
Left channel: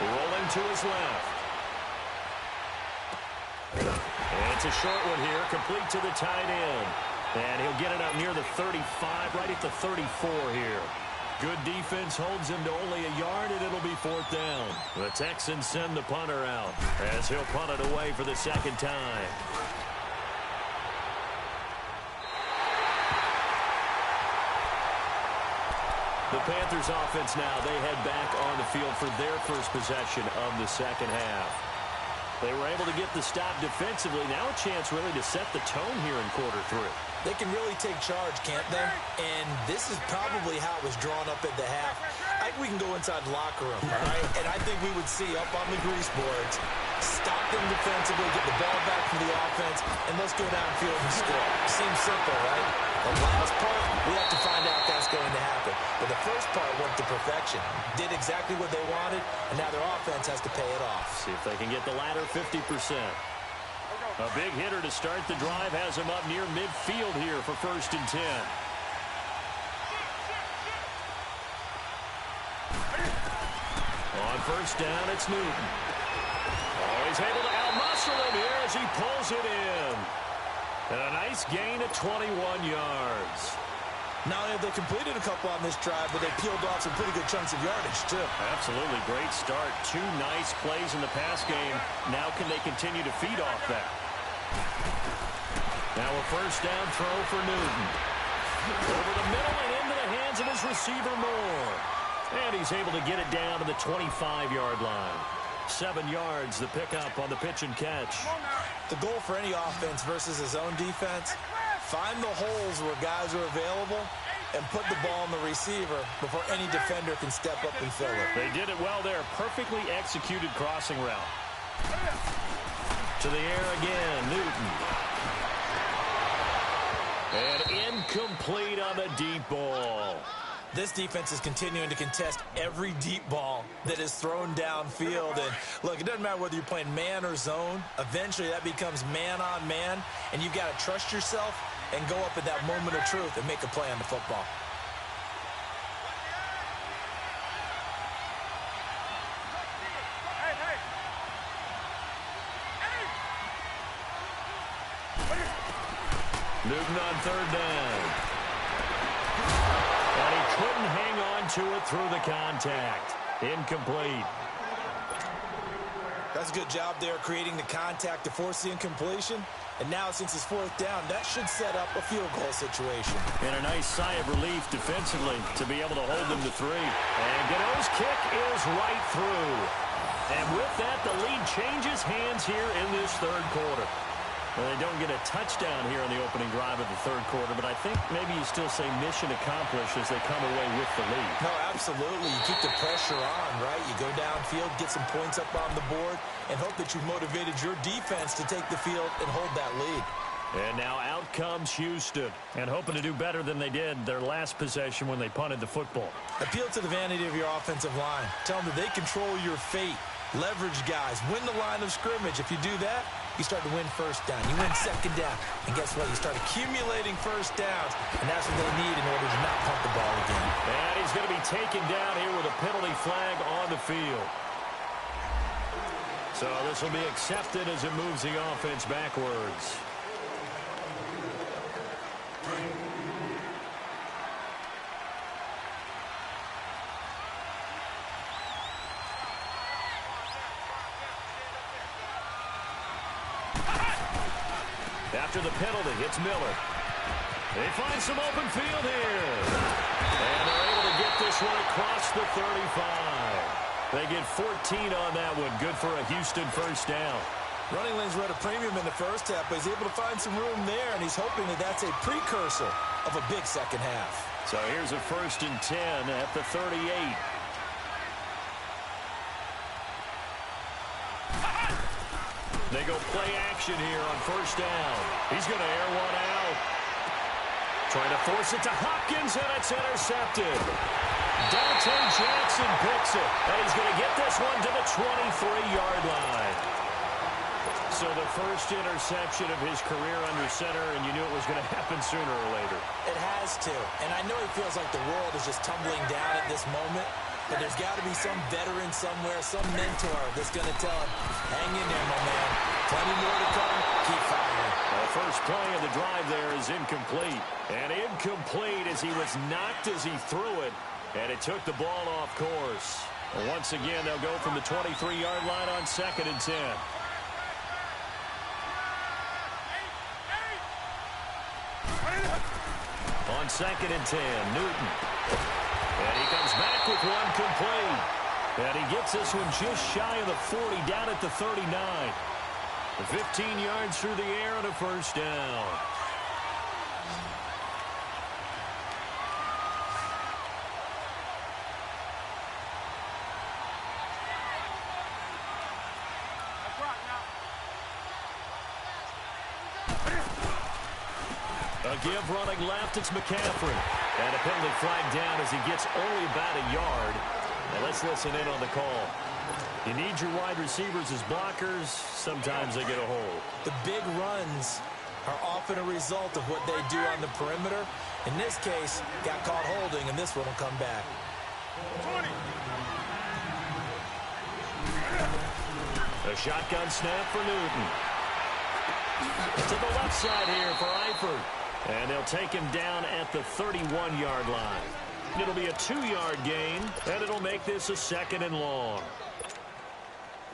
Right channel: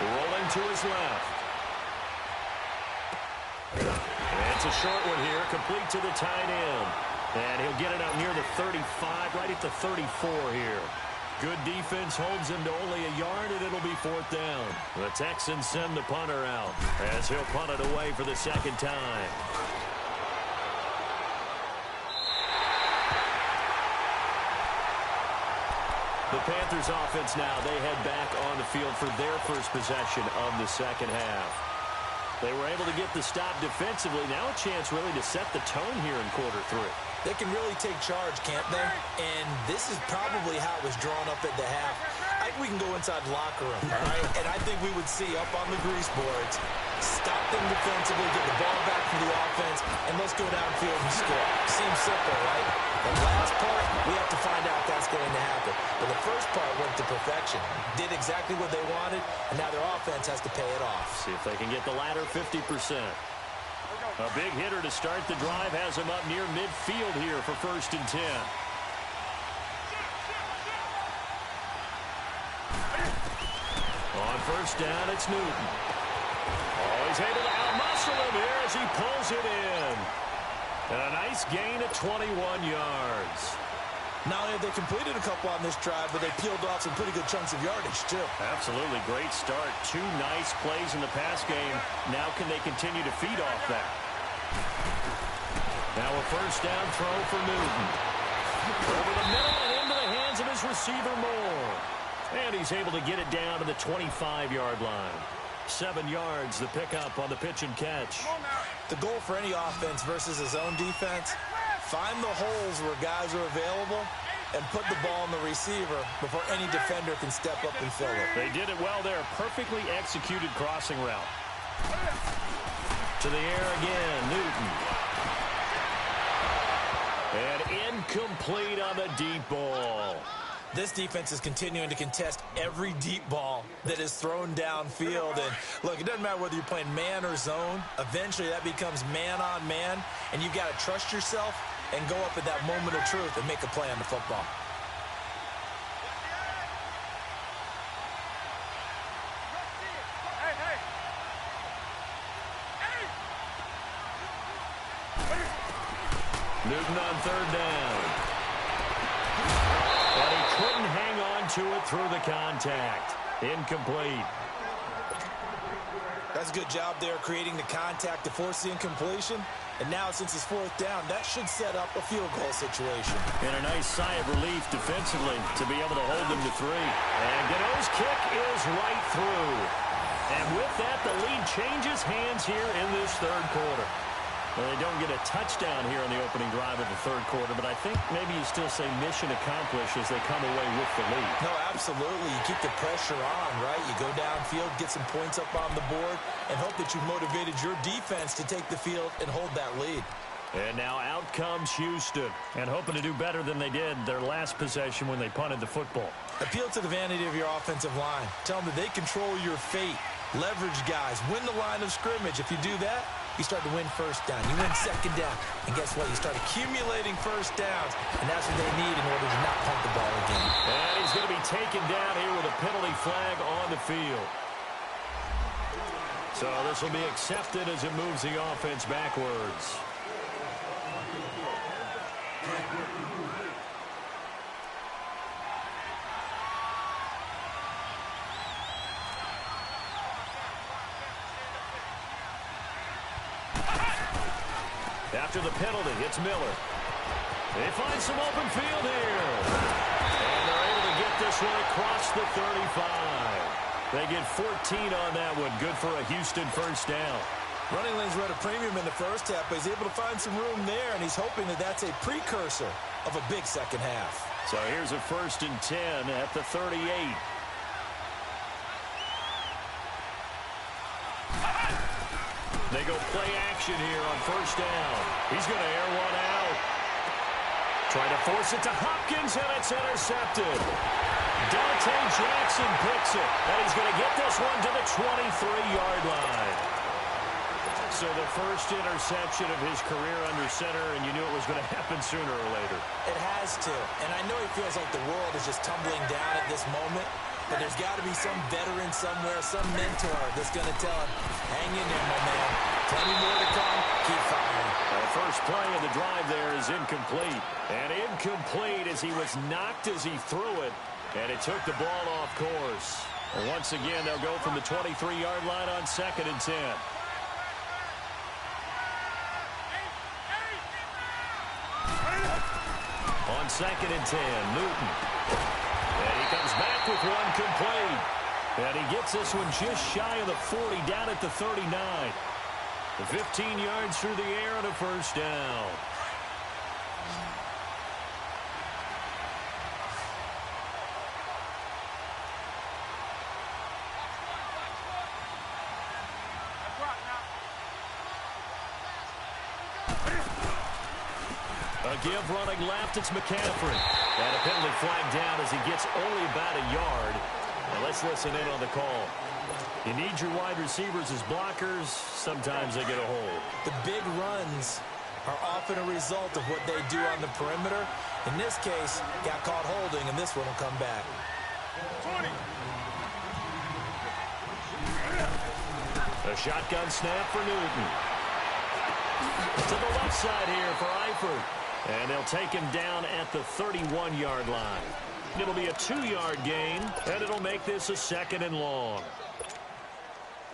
rolling to his left. And it's a short one here, complete to the tight end. And he'll get it out near the 35, right at the 34 here. Good defense holds him to only a yard, and it'll be 4th down. The Texans send the punter out as he'll punt it away for the 2nd time. The Panthers offense now, they head back on the field for their first possession of the 2nd half. They were able to get the stop defensively. Now a chance really to set the tone here in quarter 3. They can really take charge, can't they? And this is probably how it was drawn up at the half. I think we can go inside the locker room, all right? And I think we would see up on the grease boards, stop them defensively, get the ball back from the offense, and let's go downfield and score. Seems simple, right? The last part, we have to find out that's going to happen. But the first part went to perfection. Did exactly what they wanted, and now their offense has to pay it off. See if they can get the latter 50%. A big hitter to start the drive has him up near midfield here for 1st and 10. On 1st down, it's Newton. Oh, he's able to outmuscle him here as he pulls it in. And a nice gain of 21 yards. Not only have they completed a couple on this drive, but they peeled off some pretty good chunks of yardage, too. Absolutely. Great start. 2 nice plays in the pass game. Now can they continue to feed off that? Now a 1st down throw for Newton. Over the middle and into the hands of his receiver Moore. And he's able to get it down to the 25-yard line. 7 yards, the pickup on the pitch and catch. The goal for any offense versus a zone defense, find the holes where guys are available and put the ball in the receiver before any defender can step up and fill it. They did it well there. Perfectly executed crossing route. To the air again, Newton. And incomplete on the deep ball. This defense is continuing to contest every deep ball that is thrown downfield. And look, it doesn't matter whether you're playing man or zone. Eventually that becomes man on man, and you've got to trust yourself and go up at that moment of truth and make a play on the football. Newton on 3rd down. And he couldn't hang on to it through the contact. Incomplete. That's a good job there creating the contact to force the incompletion. And now since it's 4th down, that should set up a field goal situation. And a nice sigh of relief defensively to be able to hold them to 3. And Gano's kick is right through. And with that, the lead changes hands here in this 3rd quarter. Well, they don't get a touchdown here on the opening drive of the 3rd quarter, but I think maybe you still say mission accomplished as they come away with the lead. No, absolutely. You keep the pressure on, right? You go downfield, get some points up on the board, and hope that you've motivated your defense to take the field and hold that lead. And now out comes Houston. And hoping to do better than they did their last possession when they punted the football. Appeal to the vanity of your offensive line. Tell them that they control your fate. Leverage guys. Win the line of scrimmage. If you do that, you start to win first down. You win second down. And guess what? You start accumulating first downs. And that's what they need in order to not punt the ball again. And he's going to be taken down here with a penalty flag on the field. So this will be accepted as it moves the offense backwards. After the penalty, it's Miller. They find some open field here. And they're able to get this one across the 35. They get 14 on that one. Good for a Houston first down. Running lanes were at a premium in the first half, but he's able to find some room there, and he's hoping that that's a precursor of a big second half. So here's a 1st and 10 at the 38. They go play action here on first down. He's going to air one out. Trying to force it to Hopkins, and it's intercepted. Dante Jackson picks it, and he's going to get this one to the 23-yard line. So the first interception of his career under center, and you knew it was going to happen sooner or later. It has to, and I know he feels like the world is just tumbling down at this moment, but there's got to be some veteran somewhere, some mentor that's going to tell him, hang in there, my man. Plenty more to come. Keep firing. The first play of the drive there is incomplete. And incomplete as he was knocked as he threw it, and it took the ball off course. Well, once again, they'll go from the 23-yard line on 2nd and 10. On 2nd and 10, Newton. And he comes back with one complete. And he gets this one just shy of the 40, down at the 39. The 15 yards through the air and a first down. A give running left, it's McCaffrey. And a penalty flag down as he gets only about a yard. Now let's listen in on the call. You need your wide receivers as blockers. Sometimes they get a hold. The big runs are often a result of what they do on the perimeter. In this case, got caught holding, and this one will come back. 20. A shotgun snap for Newton. To the left side here for Eifert. And they'll take him down at the 31-yard line. It'll be a 2-yard gain, and it'll make this a 2nd and long.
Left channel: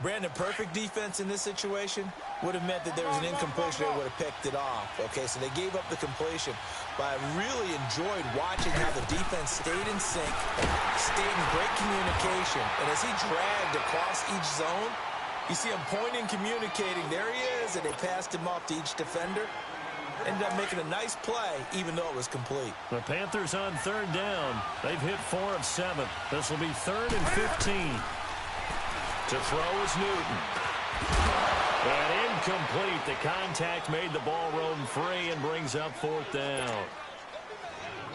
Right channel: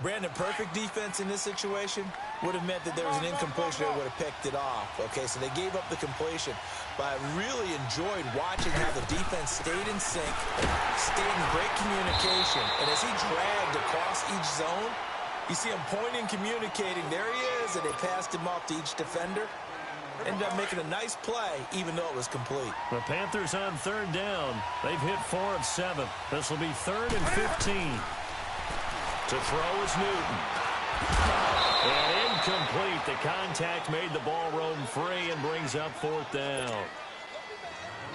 Brandon, perfect defense in this situation would have meant that there was an incompletion. They would have picked it off. Okay, so they gave up the completion. But I really enjoyed watching how the defense stayed in sync, stayed in great communication. And as he dragged across each zone, you see him pointing, communicating. There he is, and they passed him off to each defender. Ended up making a nice play, even though it was complete. The Panthers on 3rd down. They've hit 4 of 7. This will be 3rd and 15. To throw is Newton. And incomplete. The contact made the ball roam free and brings up 4th down.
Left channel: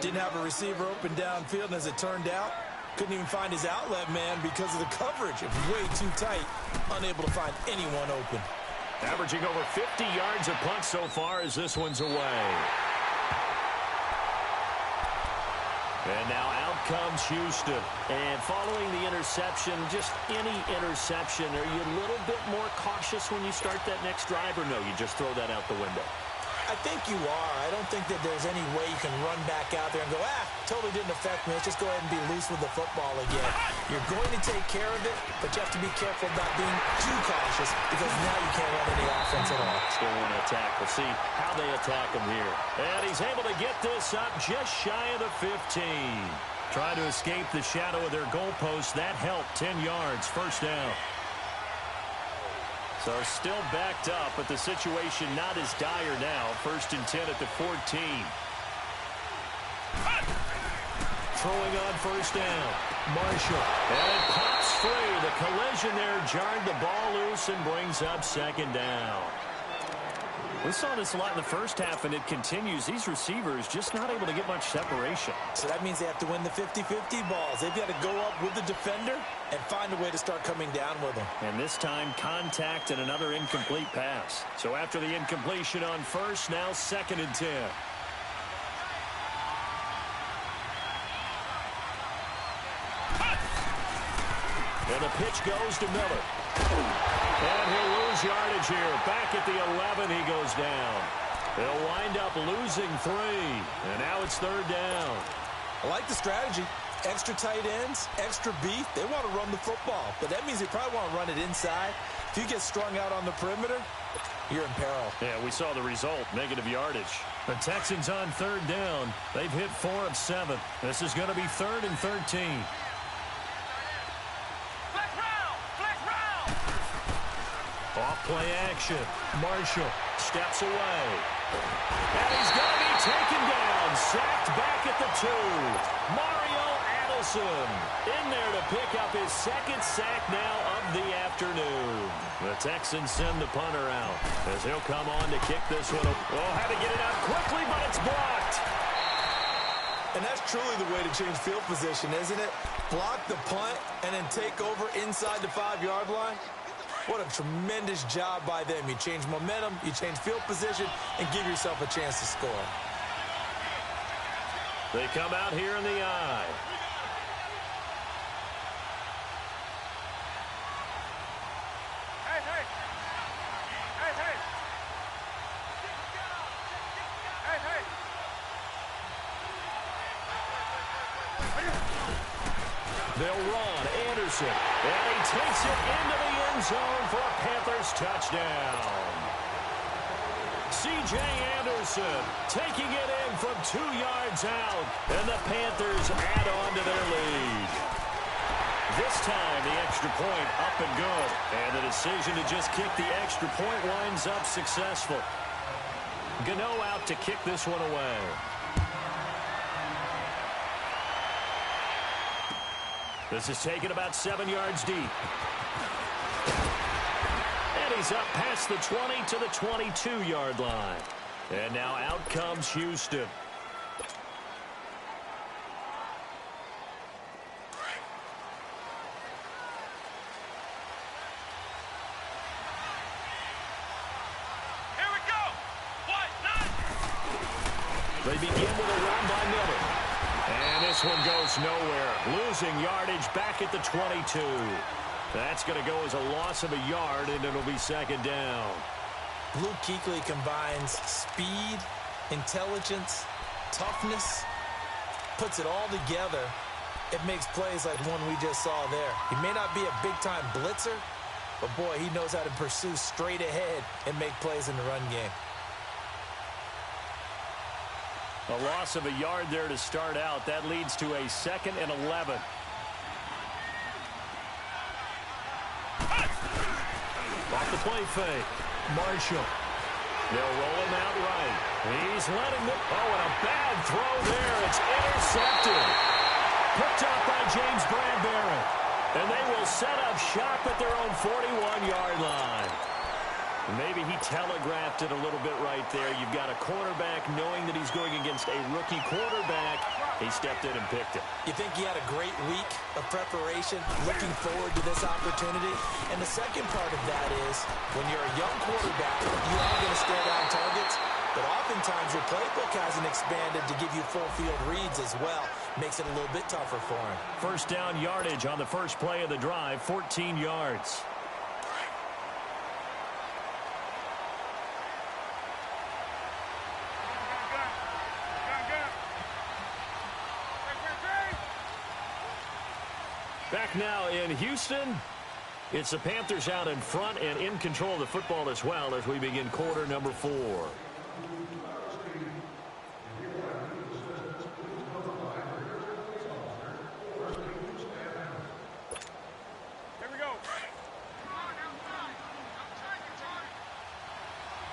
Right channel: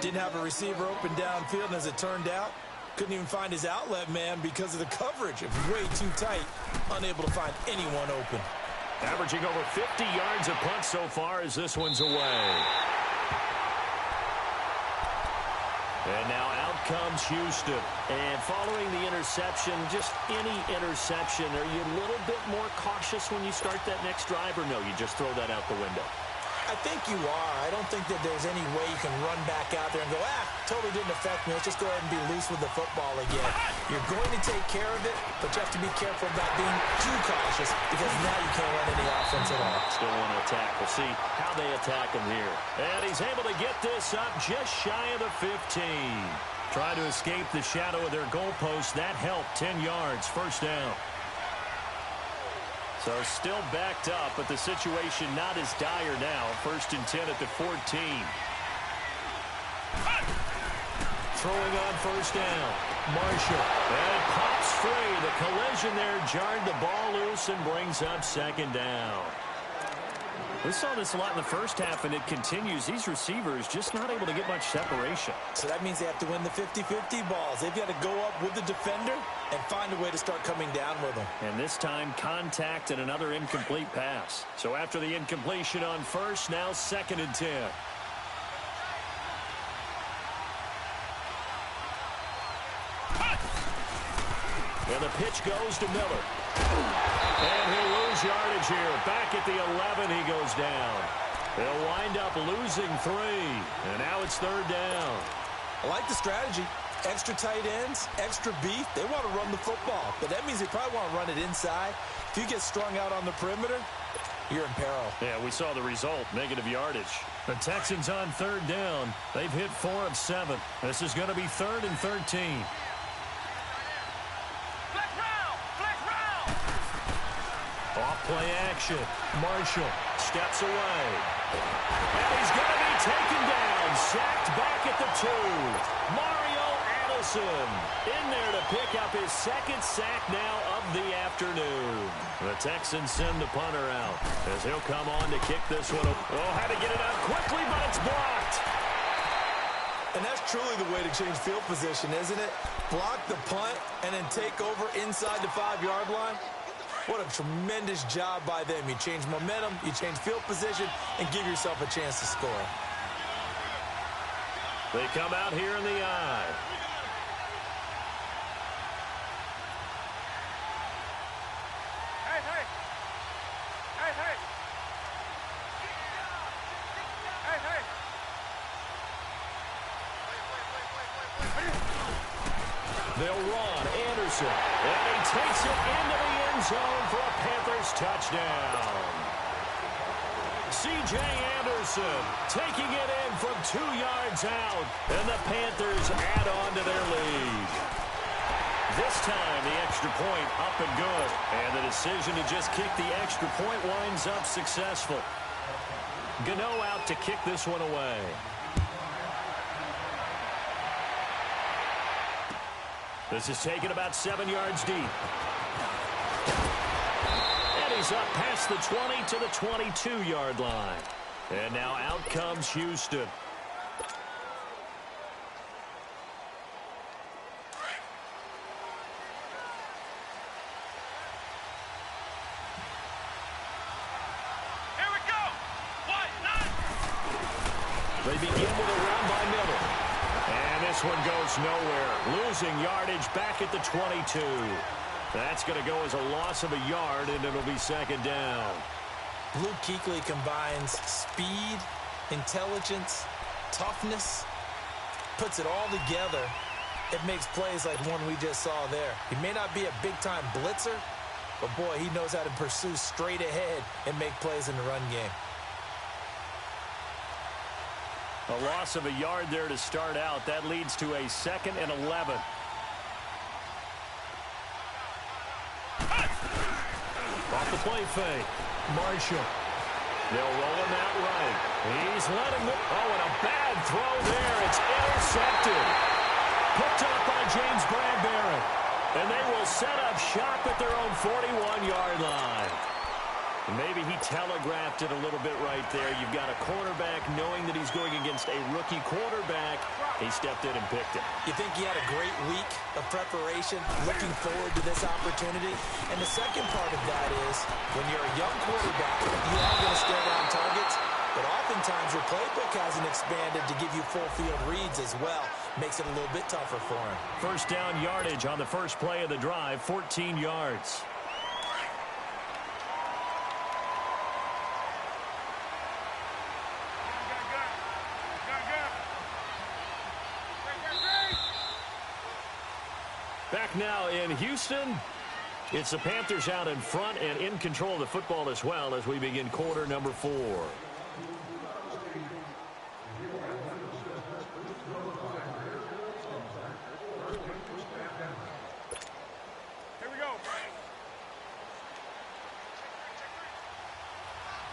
Didn't have a receiver open downfield, and as it turned out, couldn't even find his outlet man because of the coverage. It was way too tight. Unable to find anyone open. Averaging over 50 yards a punt so far as this one's away. And now out comes Houston. And following the interception, just any interception, are you a little bit more cautious when you start that next drive, or no, you just throw that out the window? I think you are. I don't think that there's any way you can run back out there and go, totally didn't affect me. Let's just go ahead and be loose with the football again. You're going to take care of it, but you have to be careful about being too cautious because now you can't run any offense at all. Still want to attack. We'll see how they attack him here. And he's able to get this up just shy of the 15. Trying to escape the shadow of their goalpost. That helped. 10 yards. First down. So still backed up, but the situation not as dire now. 1st and 10 at the 14. Throwing on first down. Marshall. And it pops free. The collision there jarred the ball loose and brings up 2nd down. We saw this a lot in the first half, and it continues. These receivers just not able to get much separation. So that means they have to win the 50-50 balls. They've got to go up with the defender and find a way to start coming down with them. And this time, contact and another incomplete pass. So after the incompletion on first, now 2nd and 10. And the pitch goes to Miller. And he'll lose yardage here. Back at the 11, he goes down. They'll wind up losing 3. And now it's 3rd down. I like the strategy. Extra tight ends, extra beef. They want to run the football. But that means they probably want to run it inside. If you get strung out on the perimeter, you're in peril. Yeah, we saw the result. Negative yardage. The Texans on 3rd down. They've hit 4 of 7. This is going to be 3rd and 13. Off play action. Marshall steps away. And he's going to be taken down. Sacked back at the 2. Mario Addison in there to pick up his 2nd sack now of the afternoon. The Texans send the punter out as he'll come on to kick this one. Oh, had to get it out quickly, but it's blocked. And that's truly the way to change field position, isn't it? Block the punt and then take over inside the 5-yard line. What a tremendous job by them. You change momentum, you change field position, and give yourself a chance to score. They come out here in the eye. Hey, hey. Hey, hey. Hey, hey. They'll run. Anderson. And he takes it into the end zone for a Panthers touchdown. C.J. Anderson taking it in from 2 yards out. And the Panthers add on to their lead. This time, the extra point up and good. And the decision to just kick the extra point winds up successful. Gano out to kick this one away. This is taken about 7 yards deep. And he's up past the 20 to the 22-yard line. And now out comes Houston. Here we go. What? None. They begin with a run by Miller. And this one goes nowhere. Losing yardage back at the 22. That's going to go as a loss of a yard, and it'll be 2nd down. Luke Kuechly combines speed, intelligence, toughness, puts it all together. It makes plays like one we just saw there. He may not be a big-time blitzer, but, boy, he knows how to pursue straight ahead and make plays in the run game. A loss of a yard there to start out. That leads to a 2nd and 11. Off the play fake. Marshall. They'll roll him out right. He's letting them. Oh, and a bad throw there. It's intercepted. Picked up by James Bradbury. And they will set up shop at their own 41-yard line. Maybe he telegraphed it a little bit right there. You've got a cornerback knowing that he's going against a rookie quarterback. He stepped in and picked it. You think he had a great week of preparation, looking forward to this opportunity? And the second part of that is, when you're a young quarterback, you are going to stare down targets, but oftentimes your playbook hasn't expanded to give you full field reads as well. Makes it a little bit tougher for him. 1st down yardage on the first play of the drive, 14 yards. Back now in Houston. It's the Panthers out in front and in control of the football as well as we begin quarter number 4. Here we go.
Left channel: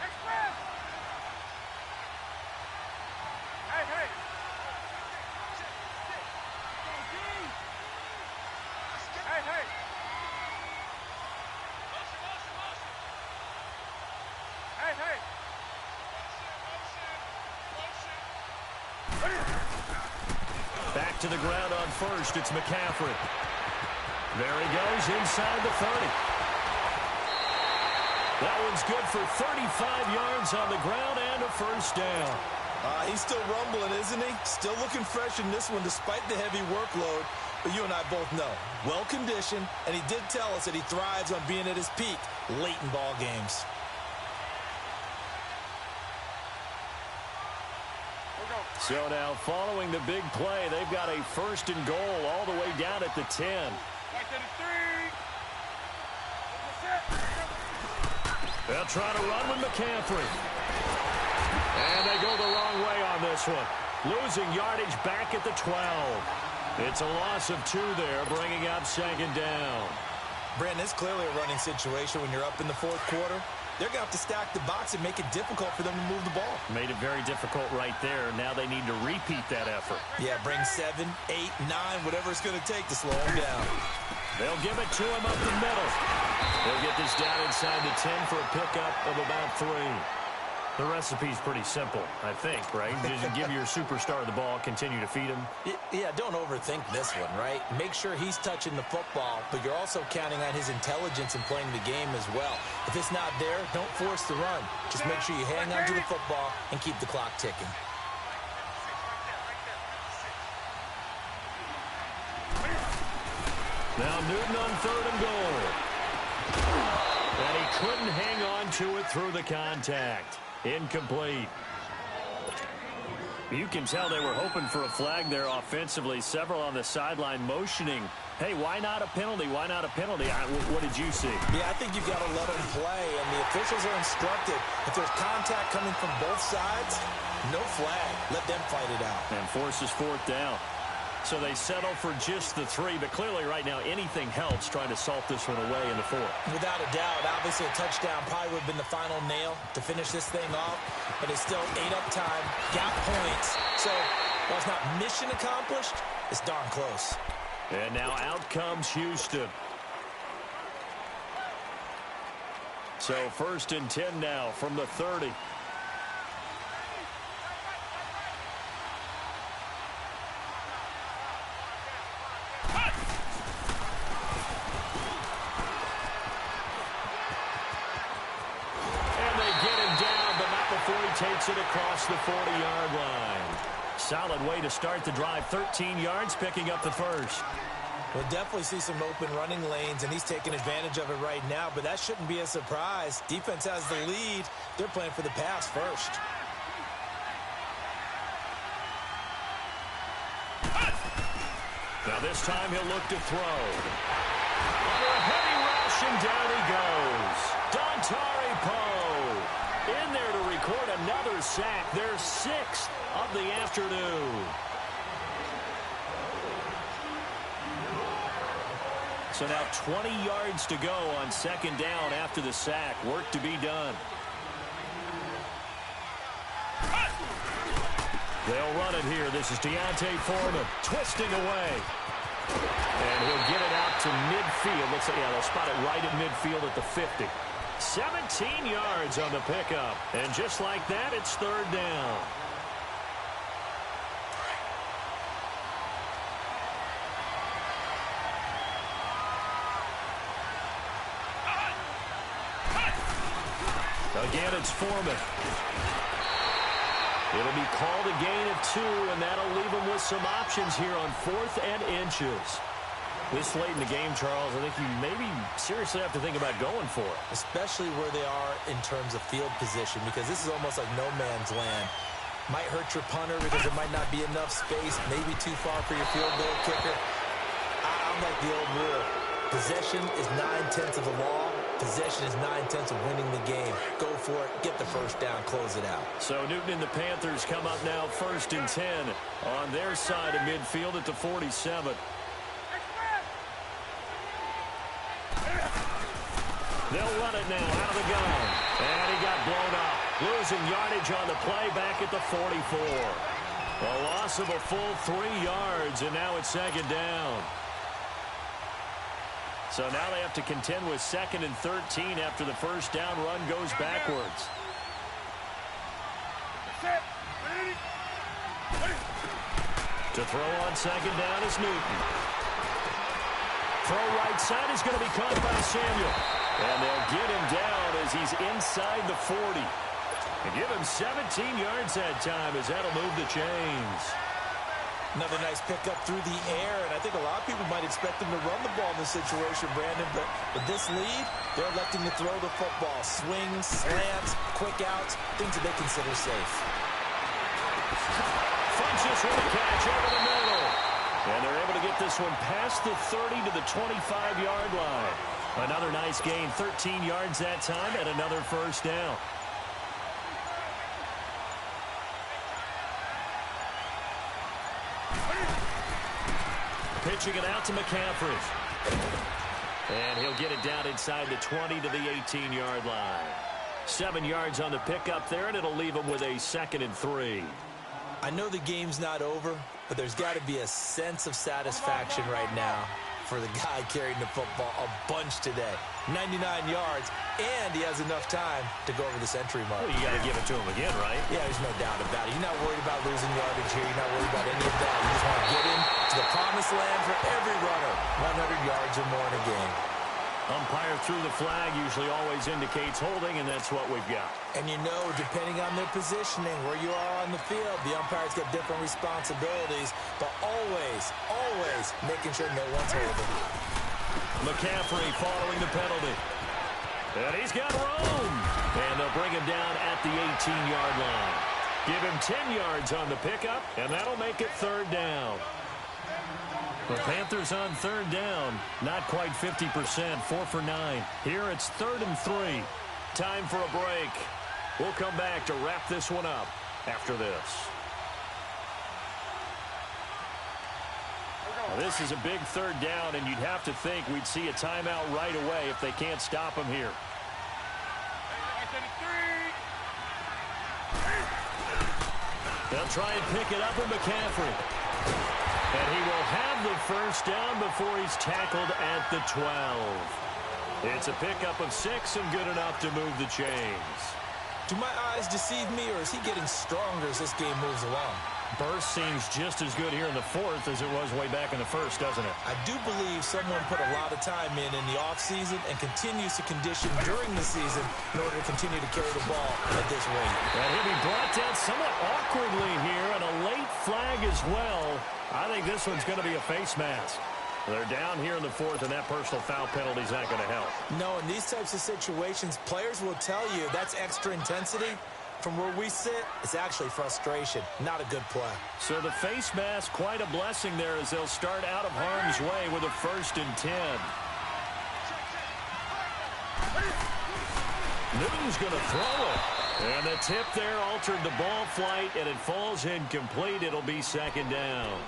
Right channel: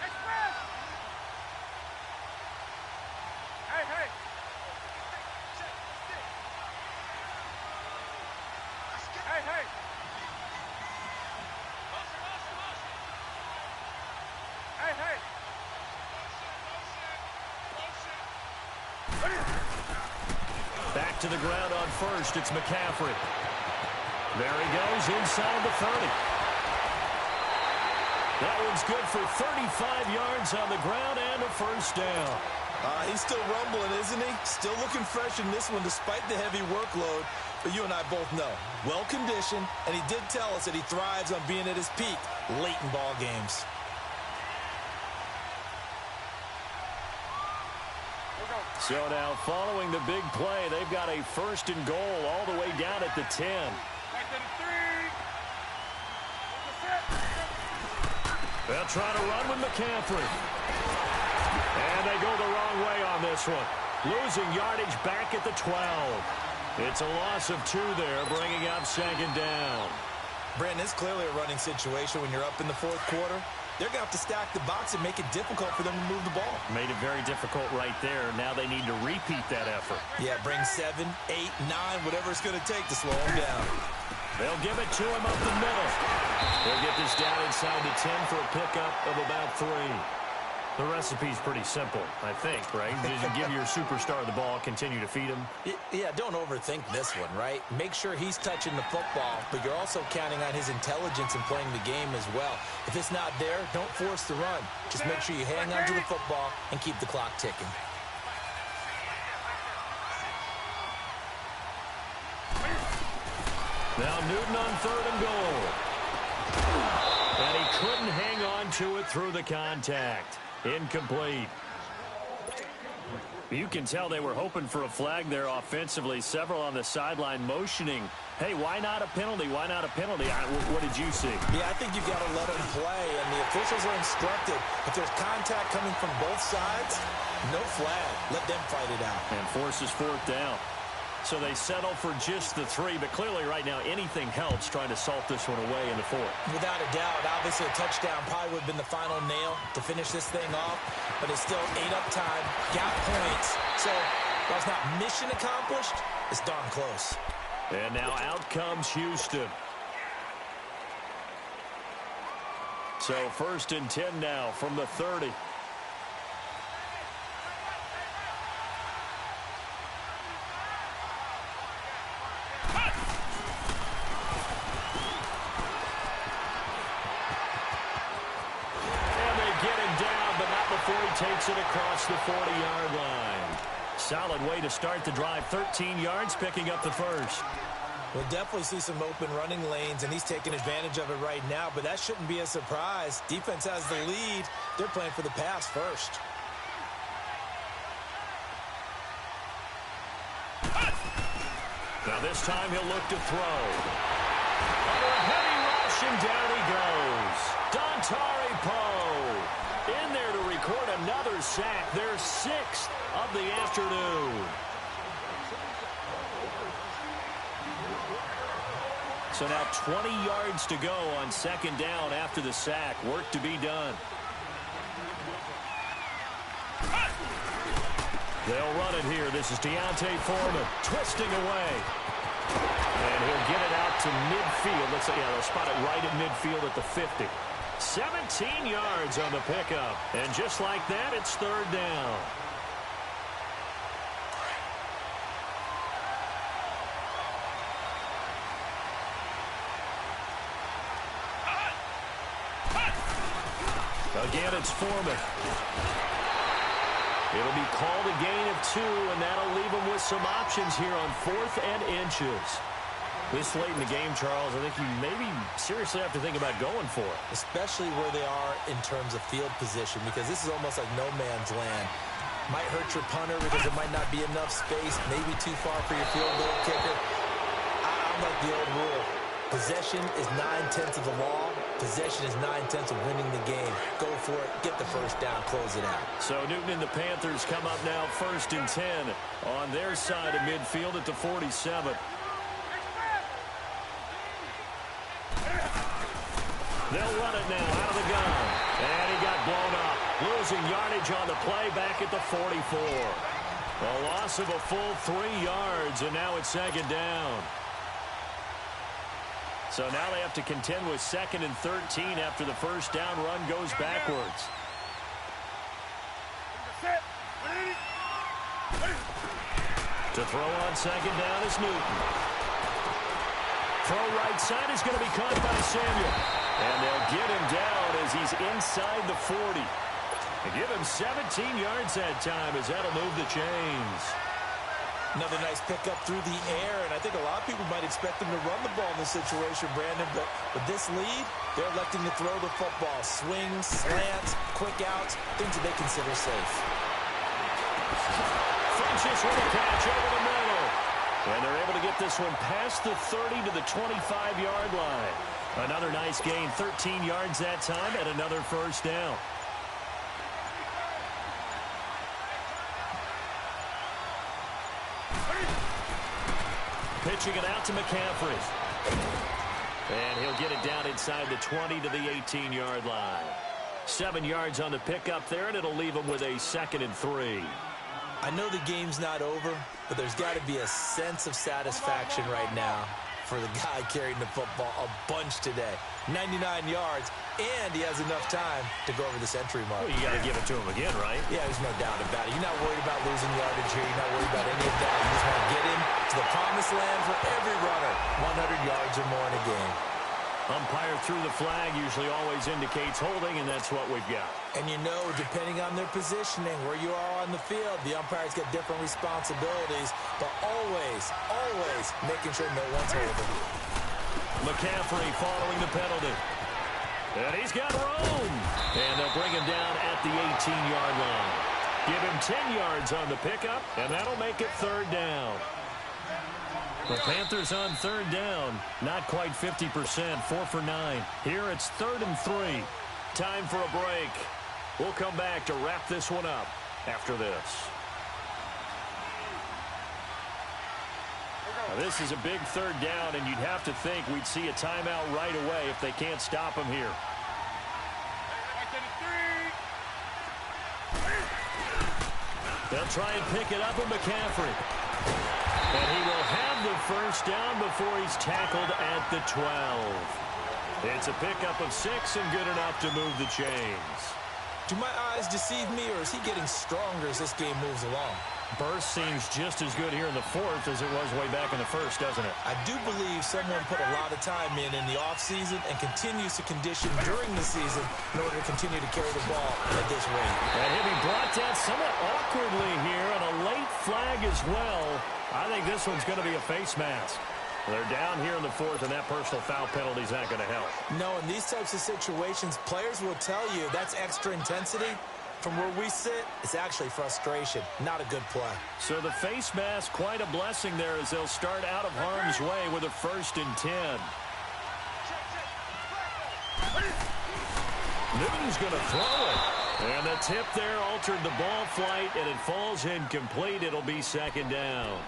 Express. Hey, hey. Hey, hey. Hey, hey. Back to the ground on first. It's McCaffrey. There he goes inside the 30. That one's good for 35 yards on the ground and a first down. He's still rumbling, isn't he? Still looking fresh in this one despite the heavy workload. But you and I both know, well-conditioned, and he did tell us that he thrives on being at his peak late in ball games. So now following the big play, they've got a first and goal all the way down at the 10. They'll try to run with McCaffrey. And they go the wrong way on this one. Losing yardage back at the 12. It's a loss of 2 there, bringing up second down. Brandon, it's clearly a running situation when you're up in the fourth quarter. They're going to have to stack the box and make it difficult for them to move the ball. Made it very difficult right there. Now they need to repeat that effort. Yeah, bring 7, 8, 9, whatever it's going to take to slow him down. They'll give it to him up the middle. They'll get this down inside the 10 for a pickup of about 3. The recipe's pretty simple, I think, right? Just give your superstar the ball, continue to feed him. Yeah, don't overthink this one, right? Make sure he's touching the football, but you're also counting on his intelligence in playing the game as well. If it's not there, don't force the run. Just make sure you hang on to the football and keep the clock ticking. Now Newton on 3rd and goal. And he couldn't hang on to it through the contact. Incomplete. You can tell they were hoping for a flag there offensively. Several on the sideline motioning, hey, why not a penalty? Why not a penalty? What did you see? Yeah, I think you've got to let them play, and the officials are instructed. If there's contact coming from both sides, no flag. Let them fight it out. And forces 4th down. So they settle for just the 3, but clearly right now anything helps trying to salt this one away in the 4th. Without a doubt, obviously a touchdown probably would have been the final nail to finish this thing off, but it's still 8 up time, got points. So while it's not mission accomplished, it's darn close. And now out comes Houston. So 1st and 10 now from the 30. Before he takes it across the 40-yard line. Solid way to start the drive. 13 yards, picking up the first. We'll definitely see some open running lanes, and he's taking advantage of it right now, but that shouldn't be a surprise. Defense has the lead. They're playing for the pass first. Now this time he'll look to throw. Under a heavy rush, and down he goes. Dontari Poe in there to record another sack. Their 6th of the afternoon. So now 20 yards to go on 2nd down after the sack. Work to be done. They'll run it here. This is Deontay Foreman twisting away. And he'll get it out to midfield. Looks like, yeah, they'll spot it right at midfield at the 50. 17 yards on the pickup. And just like that, it's 3rd down. Again, it's Foreman. It'll be called a gain of 2, and that'll leave them with some options here on 4th and inches. This late in the game, Charles, I think you maybe seriously have to think about going for it. Especially where they are in terms of field position, because this is almost like no man's land. Might hurt your punter because there might not be enough space, maybe too far for your field goal kicker. I'm like the old rule. Possession is 9/10 of the law. Possession is 9/10 of winning the game. Go for it. Get the first down. Close it out. So Newton and the Panthers come up now 1st and 10 on their side of midfield at the 47. They'll run it now out of the gun. And he got blown up. Losing yardage on the play back at the 44. A loss of a full 3 yards, and now it's 2nd down. So now they have to contend with 2nd and 13 after the first down run goes backwards. To throw on second down is Newton. Throw right side is going to be caught by Samuel. And they'll get him down as he's inside the 40. And give him 17 yards that time as that'll move the chains. Another nice pickup through the air, and I think a lot of people might expect them to run the ball in this situation, Brandon, but with this lead, they're electing to throw the football. Swings, slants, quick outs, things that they consider safe. Funches with a catch over the middle. And they're able to get this one past the 30 to the 25-yard line. Another nice gain, 13 yards that time, and another first down. Pitching it out to McCaffrey. And he'll get it down inside the 20 to the 18-yard line. 7 yards on the pickup there, and it'll leave him with a 2nd and 3. I know the game's not over, but there's got to be a sense of satisfaction right now for the guy carrying the football a bunch today. 99 yards, and he has enough time to go over the century mark. Well, you got to give it to him again, right? Yeah, there's no doubt about it. You're not worried about losing yardage here. You're not worried about any of that. You just want to get in to the promised land for every runner. 100 yards or more in a game. Umpire through the flag usually always indicates holding, and that's what we've got. And you know, depending on their positioning, where you are on the field, the umpire's got different responsibilities, but always, always making sure no one's holding. McCaffrey following the penalty. And he's got room. And they'll bring him down at the 18-yard line. Give him 10 yards on the pickup, and that'll make it 3rd down. The Panthers on 3rd down, not quite 50%, 4 for 9. Here it's 3rd and 3. Time for a break. We'll come back to wrap this one up after this. Now, this is a big 3rd down, and you'd have to think we'd see a timeout right away if they can't stop him here. They'll try and pick it up with McCaffrey. And he will have the first down before he's tackled at the 12. It's a pickup of 6 and good enough to move the chains. Do my eyes deceive me, or is he getting stronger as this game moves along? Burst seems just as good here in the 4th as it was way back in the 1st, doesn't it? I do believe someone put a lot of time in the offseason and continues to condition during the season in order to continue to carry the ball at this rate. And he'll be brought down somewhat awkwardly here, and a late flag as well. I think this one's going to be a face mask. They're down here in the 4th, and that personal foul penalty is not going to help. No, in these types of situations, players will tell you that's extra intensity. From where we sit, it's actually frustration, not a good play. So the face mask, quite a blessing there as they'll start out of harm's way with a 1st and 10. Newton's going to throw it. And the tip there altered the ball flight, and it falls incomplete. It'll be 2nd down.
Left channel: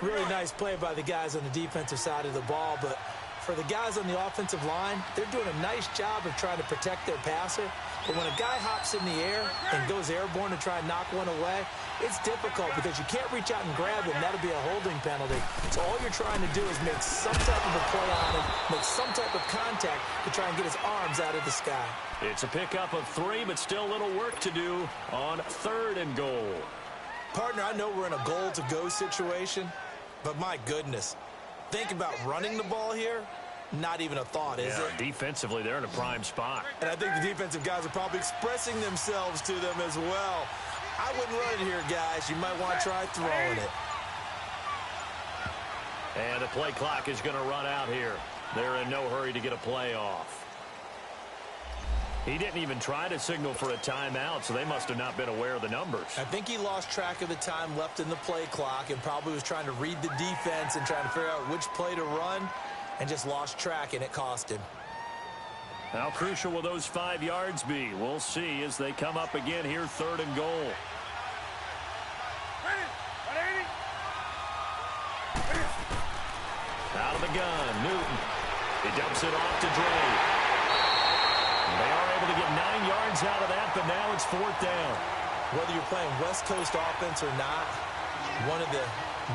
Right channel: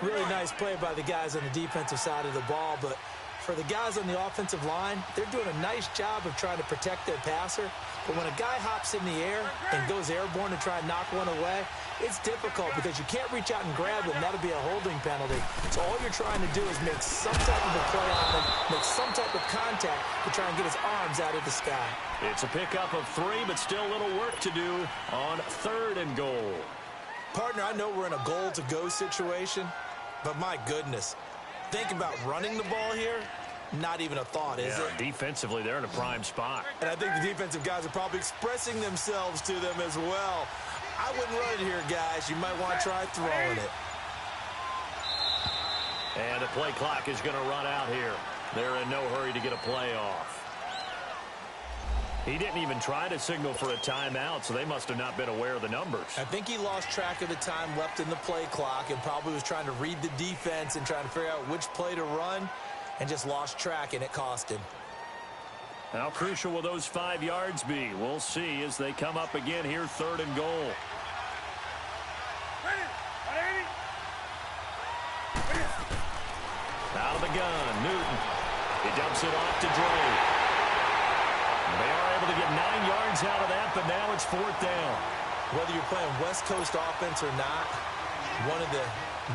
Really nice play by the guys on the defensive side of the ball, but for the guys on the offensive line, they're doing a nice job of trying to protect their passer. But when a guy hops in the air and goes airborne to try and knock one away, it's difficult because you can't reach out and grab him. That'll be a holding penalty. So all you're trying to do is make some type of a play on him, make some type of contact to try and get his arms out of the sky. It's a pickup of 3, but still a little work to do on 3rd and goal. Partner, I know we're in a goal-to-go situation, but my goodness, think about running the ball here. Not even a thought, is it? Defensively, they're in a prime spot. And I think the defensive guys are probably expressing themselves to them as well. I wouldn't run it here, guys. You might want to try throwing it. And the play clock is going to run out here. They're in no hurry to get a play off. He didn't even try to signal for a timeout, so they must have not been aware of the numbers. I think he lost track of the time left in the play clock and probably was trying to read the defense and trying to figure out which play to run, and just lost track, and it cost him. How crucial will those 5 yards be? We'll see as they come up again here, 3rd and goal. Out of the gun, Newton. He dumps it off to Dre. They are able to get 9 yards out of that, but now it's 4th down. Whether you're playing West Coast offense or not, one of the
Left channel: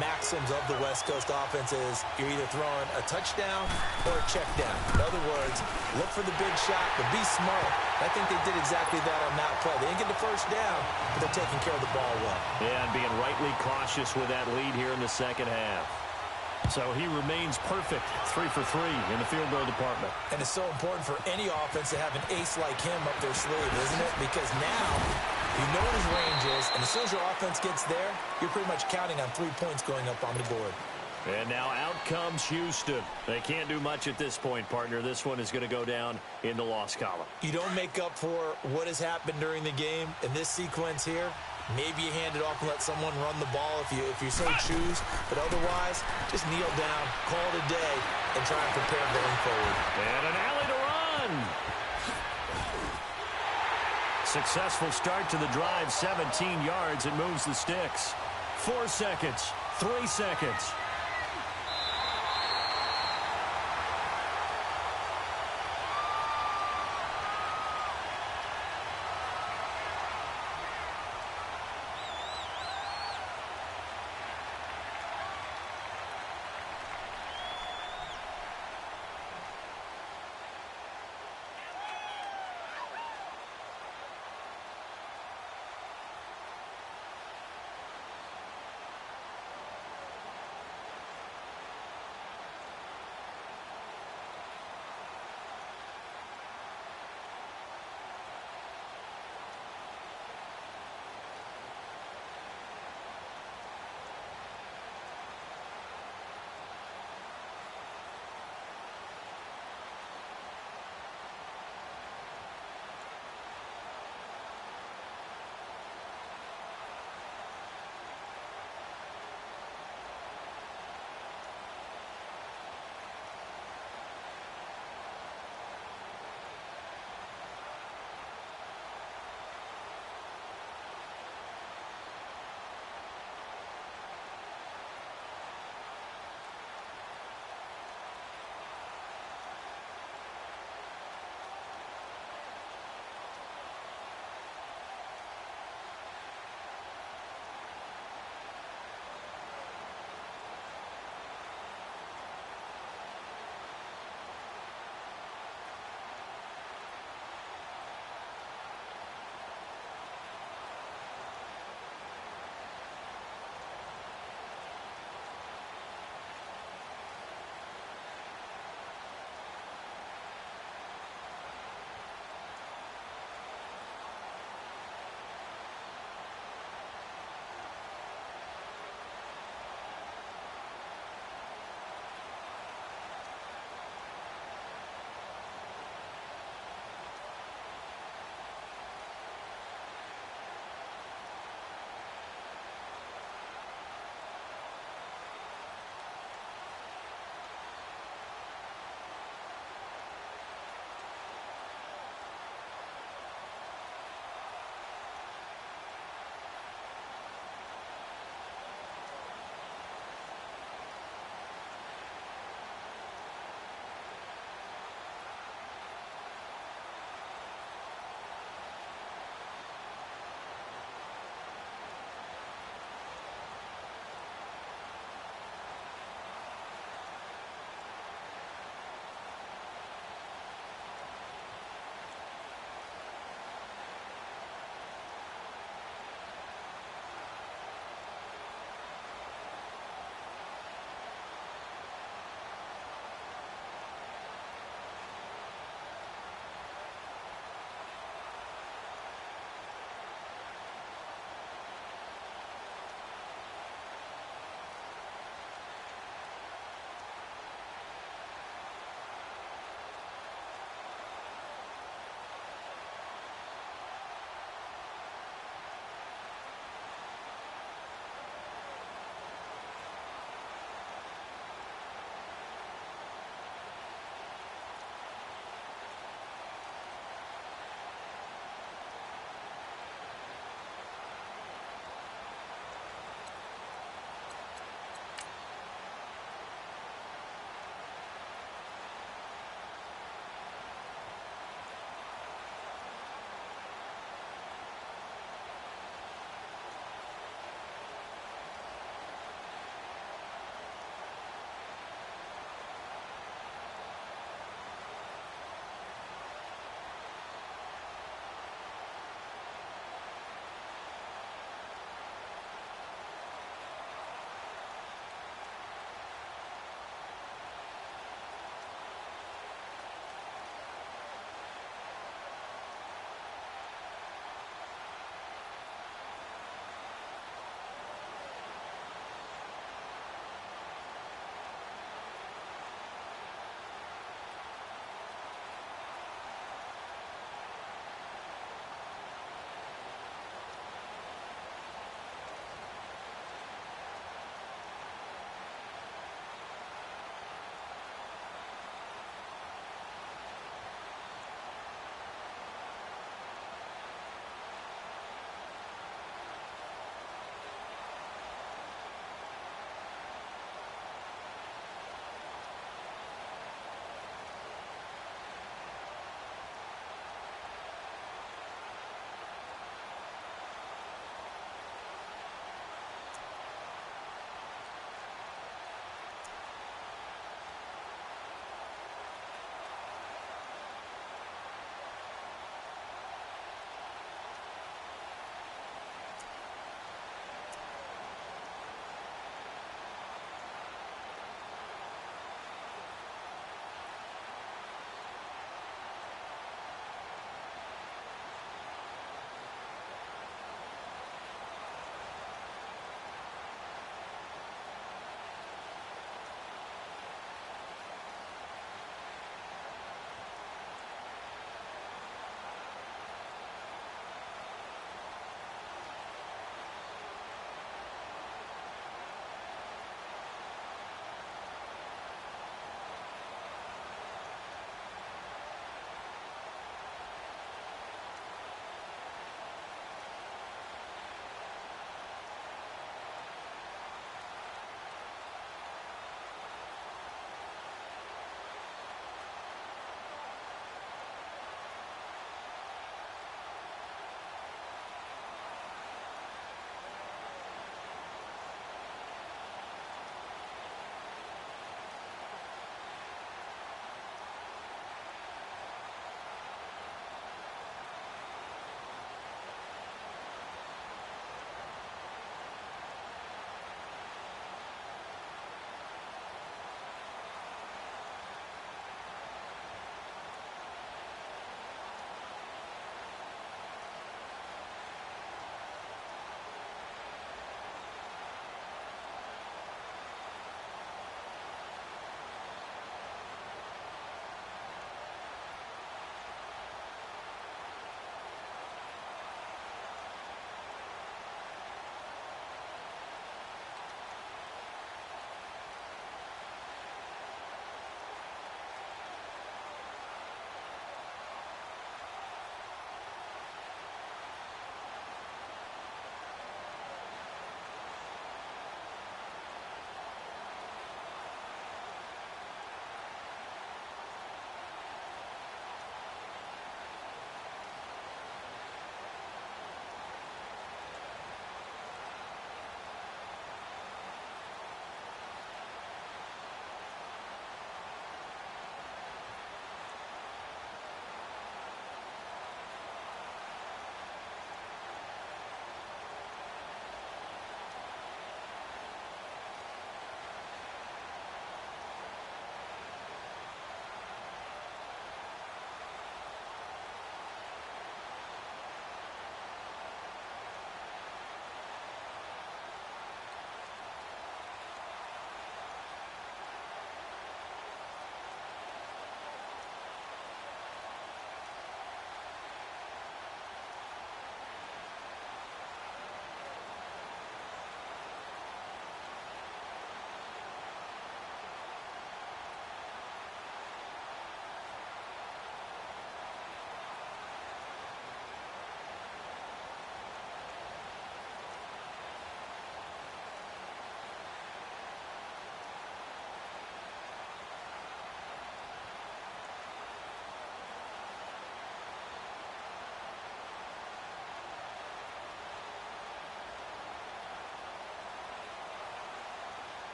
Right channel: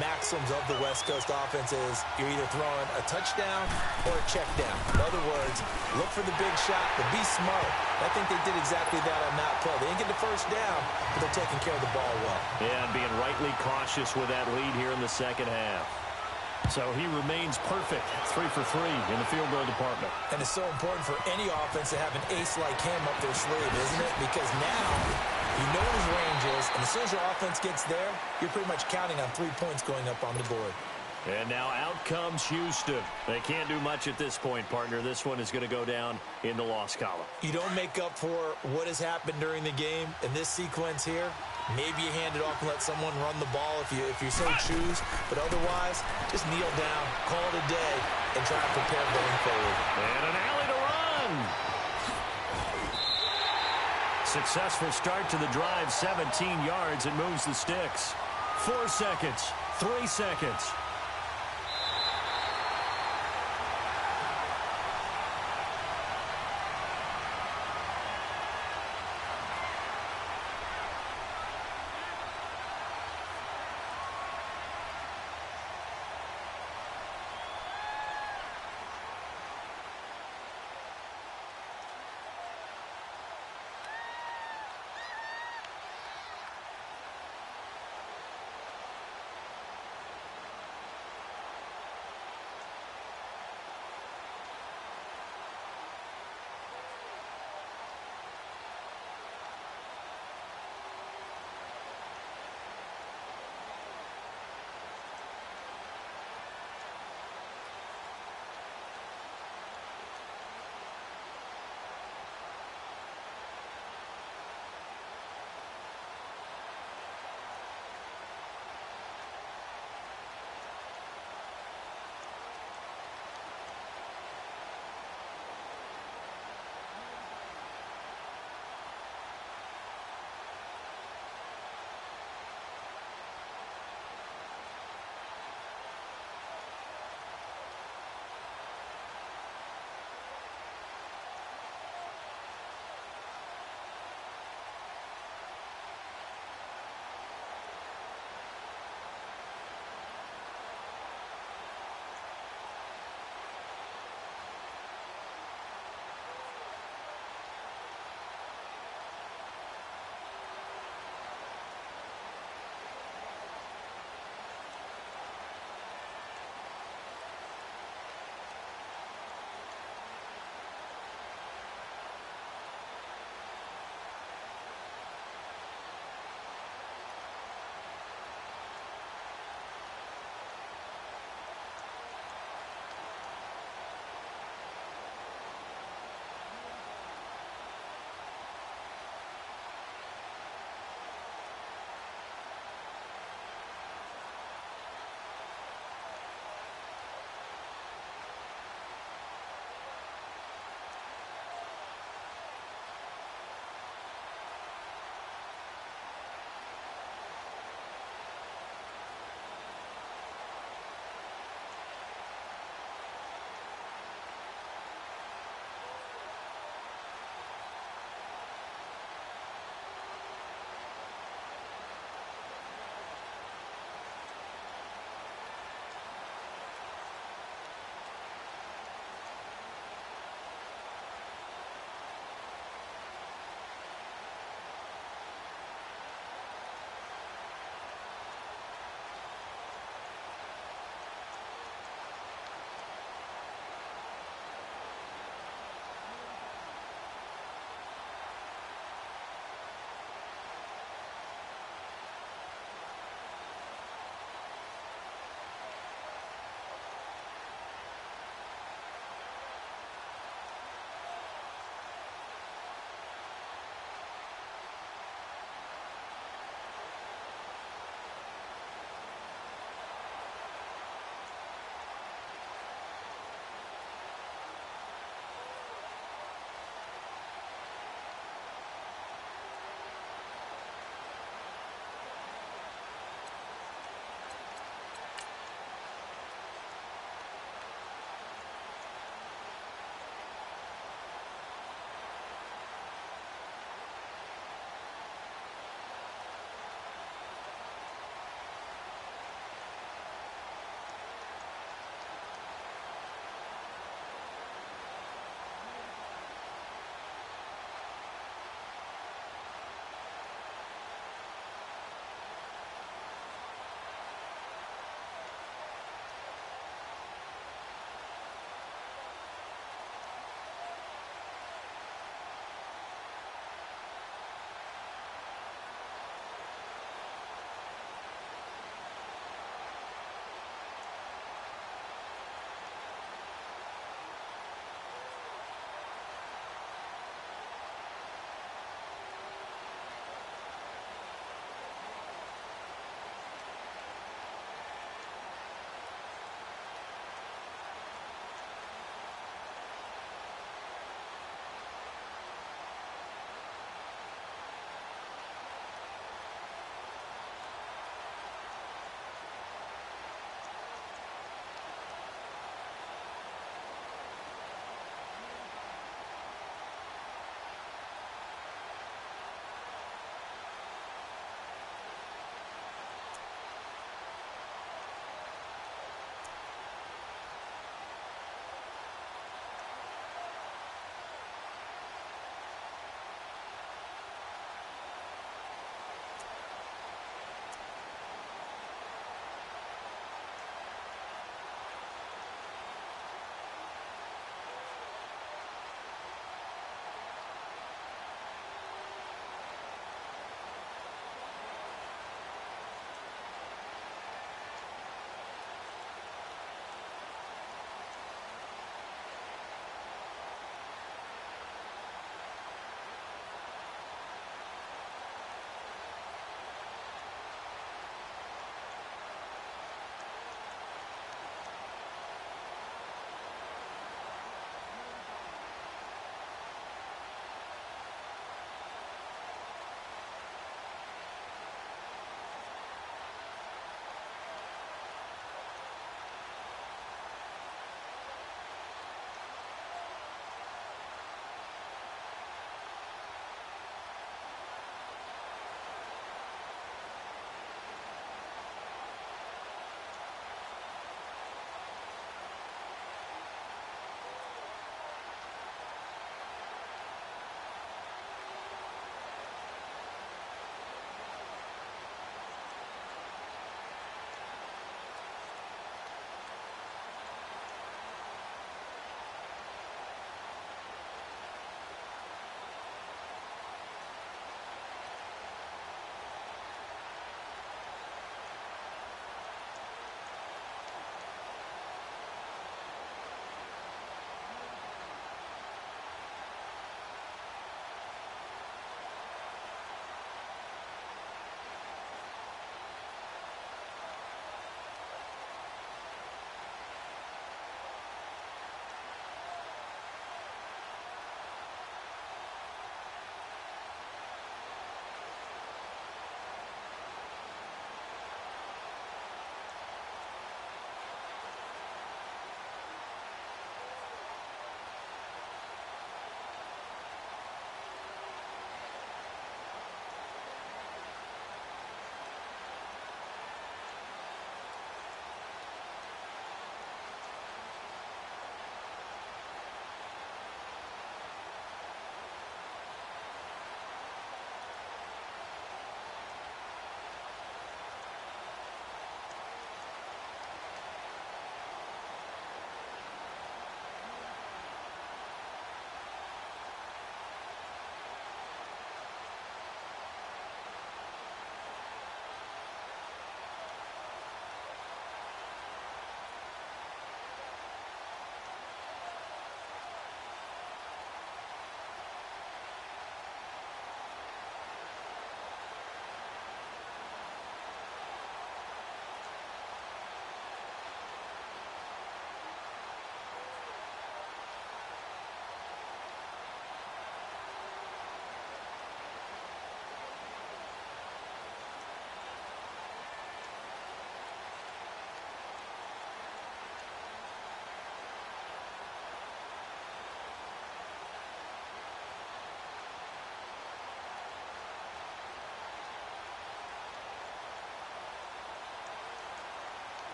maxims of the West Coast offense is you're either throwing a touchdown or a check down. In other words, look for the big shot, but be smart. I think they did exactly that on that play. They didn't get the first down, but they're taking care of the ball well. Yeah, and being rightly cautious with that lead here in the second half. So he remains perfect, 3 for 3 in the field goal department. And it's so important for any offense to have an ace like him up their sleeve, isn't it? Because now you know what his range is, and as soon as your offense gets there, you're pretty much counting on 3 points going up on the board. And now out comes Houston. They can't do much at this point, partner. This one is going to go down in the loss column. You don't make up for what has happened during the game in this sequence here. Maybe you hand it off and let someone run the ball if you so choose. But otherwise, just kneel down, call it a day, and try and prepare going forward. And an alley to run. Successful start to the drive, 17 yards. It moves the sticks. 4 seconds, 3 seconds.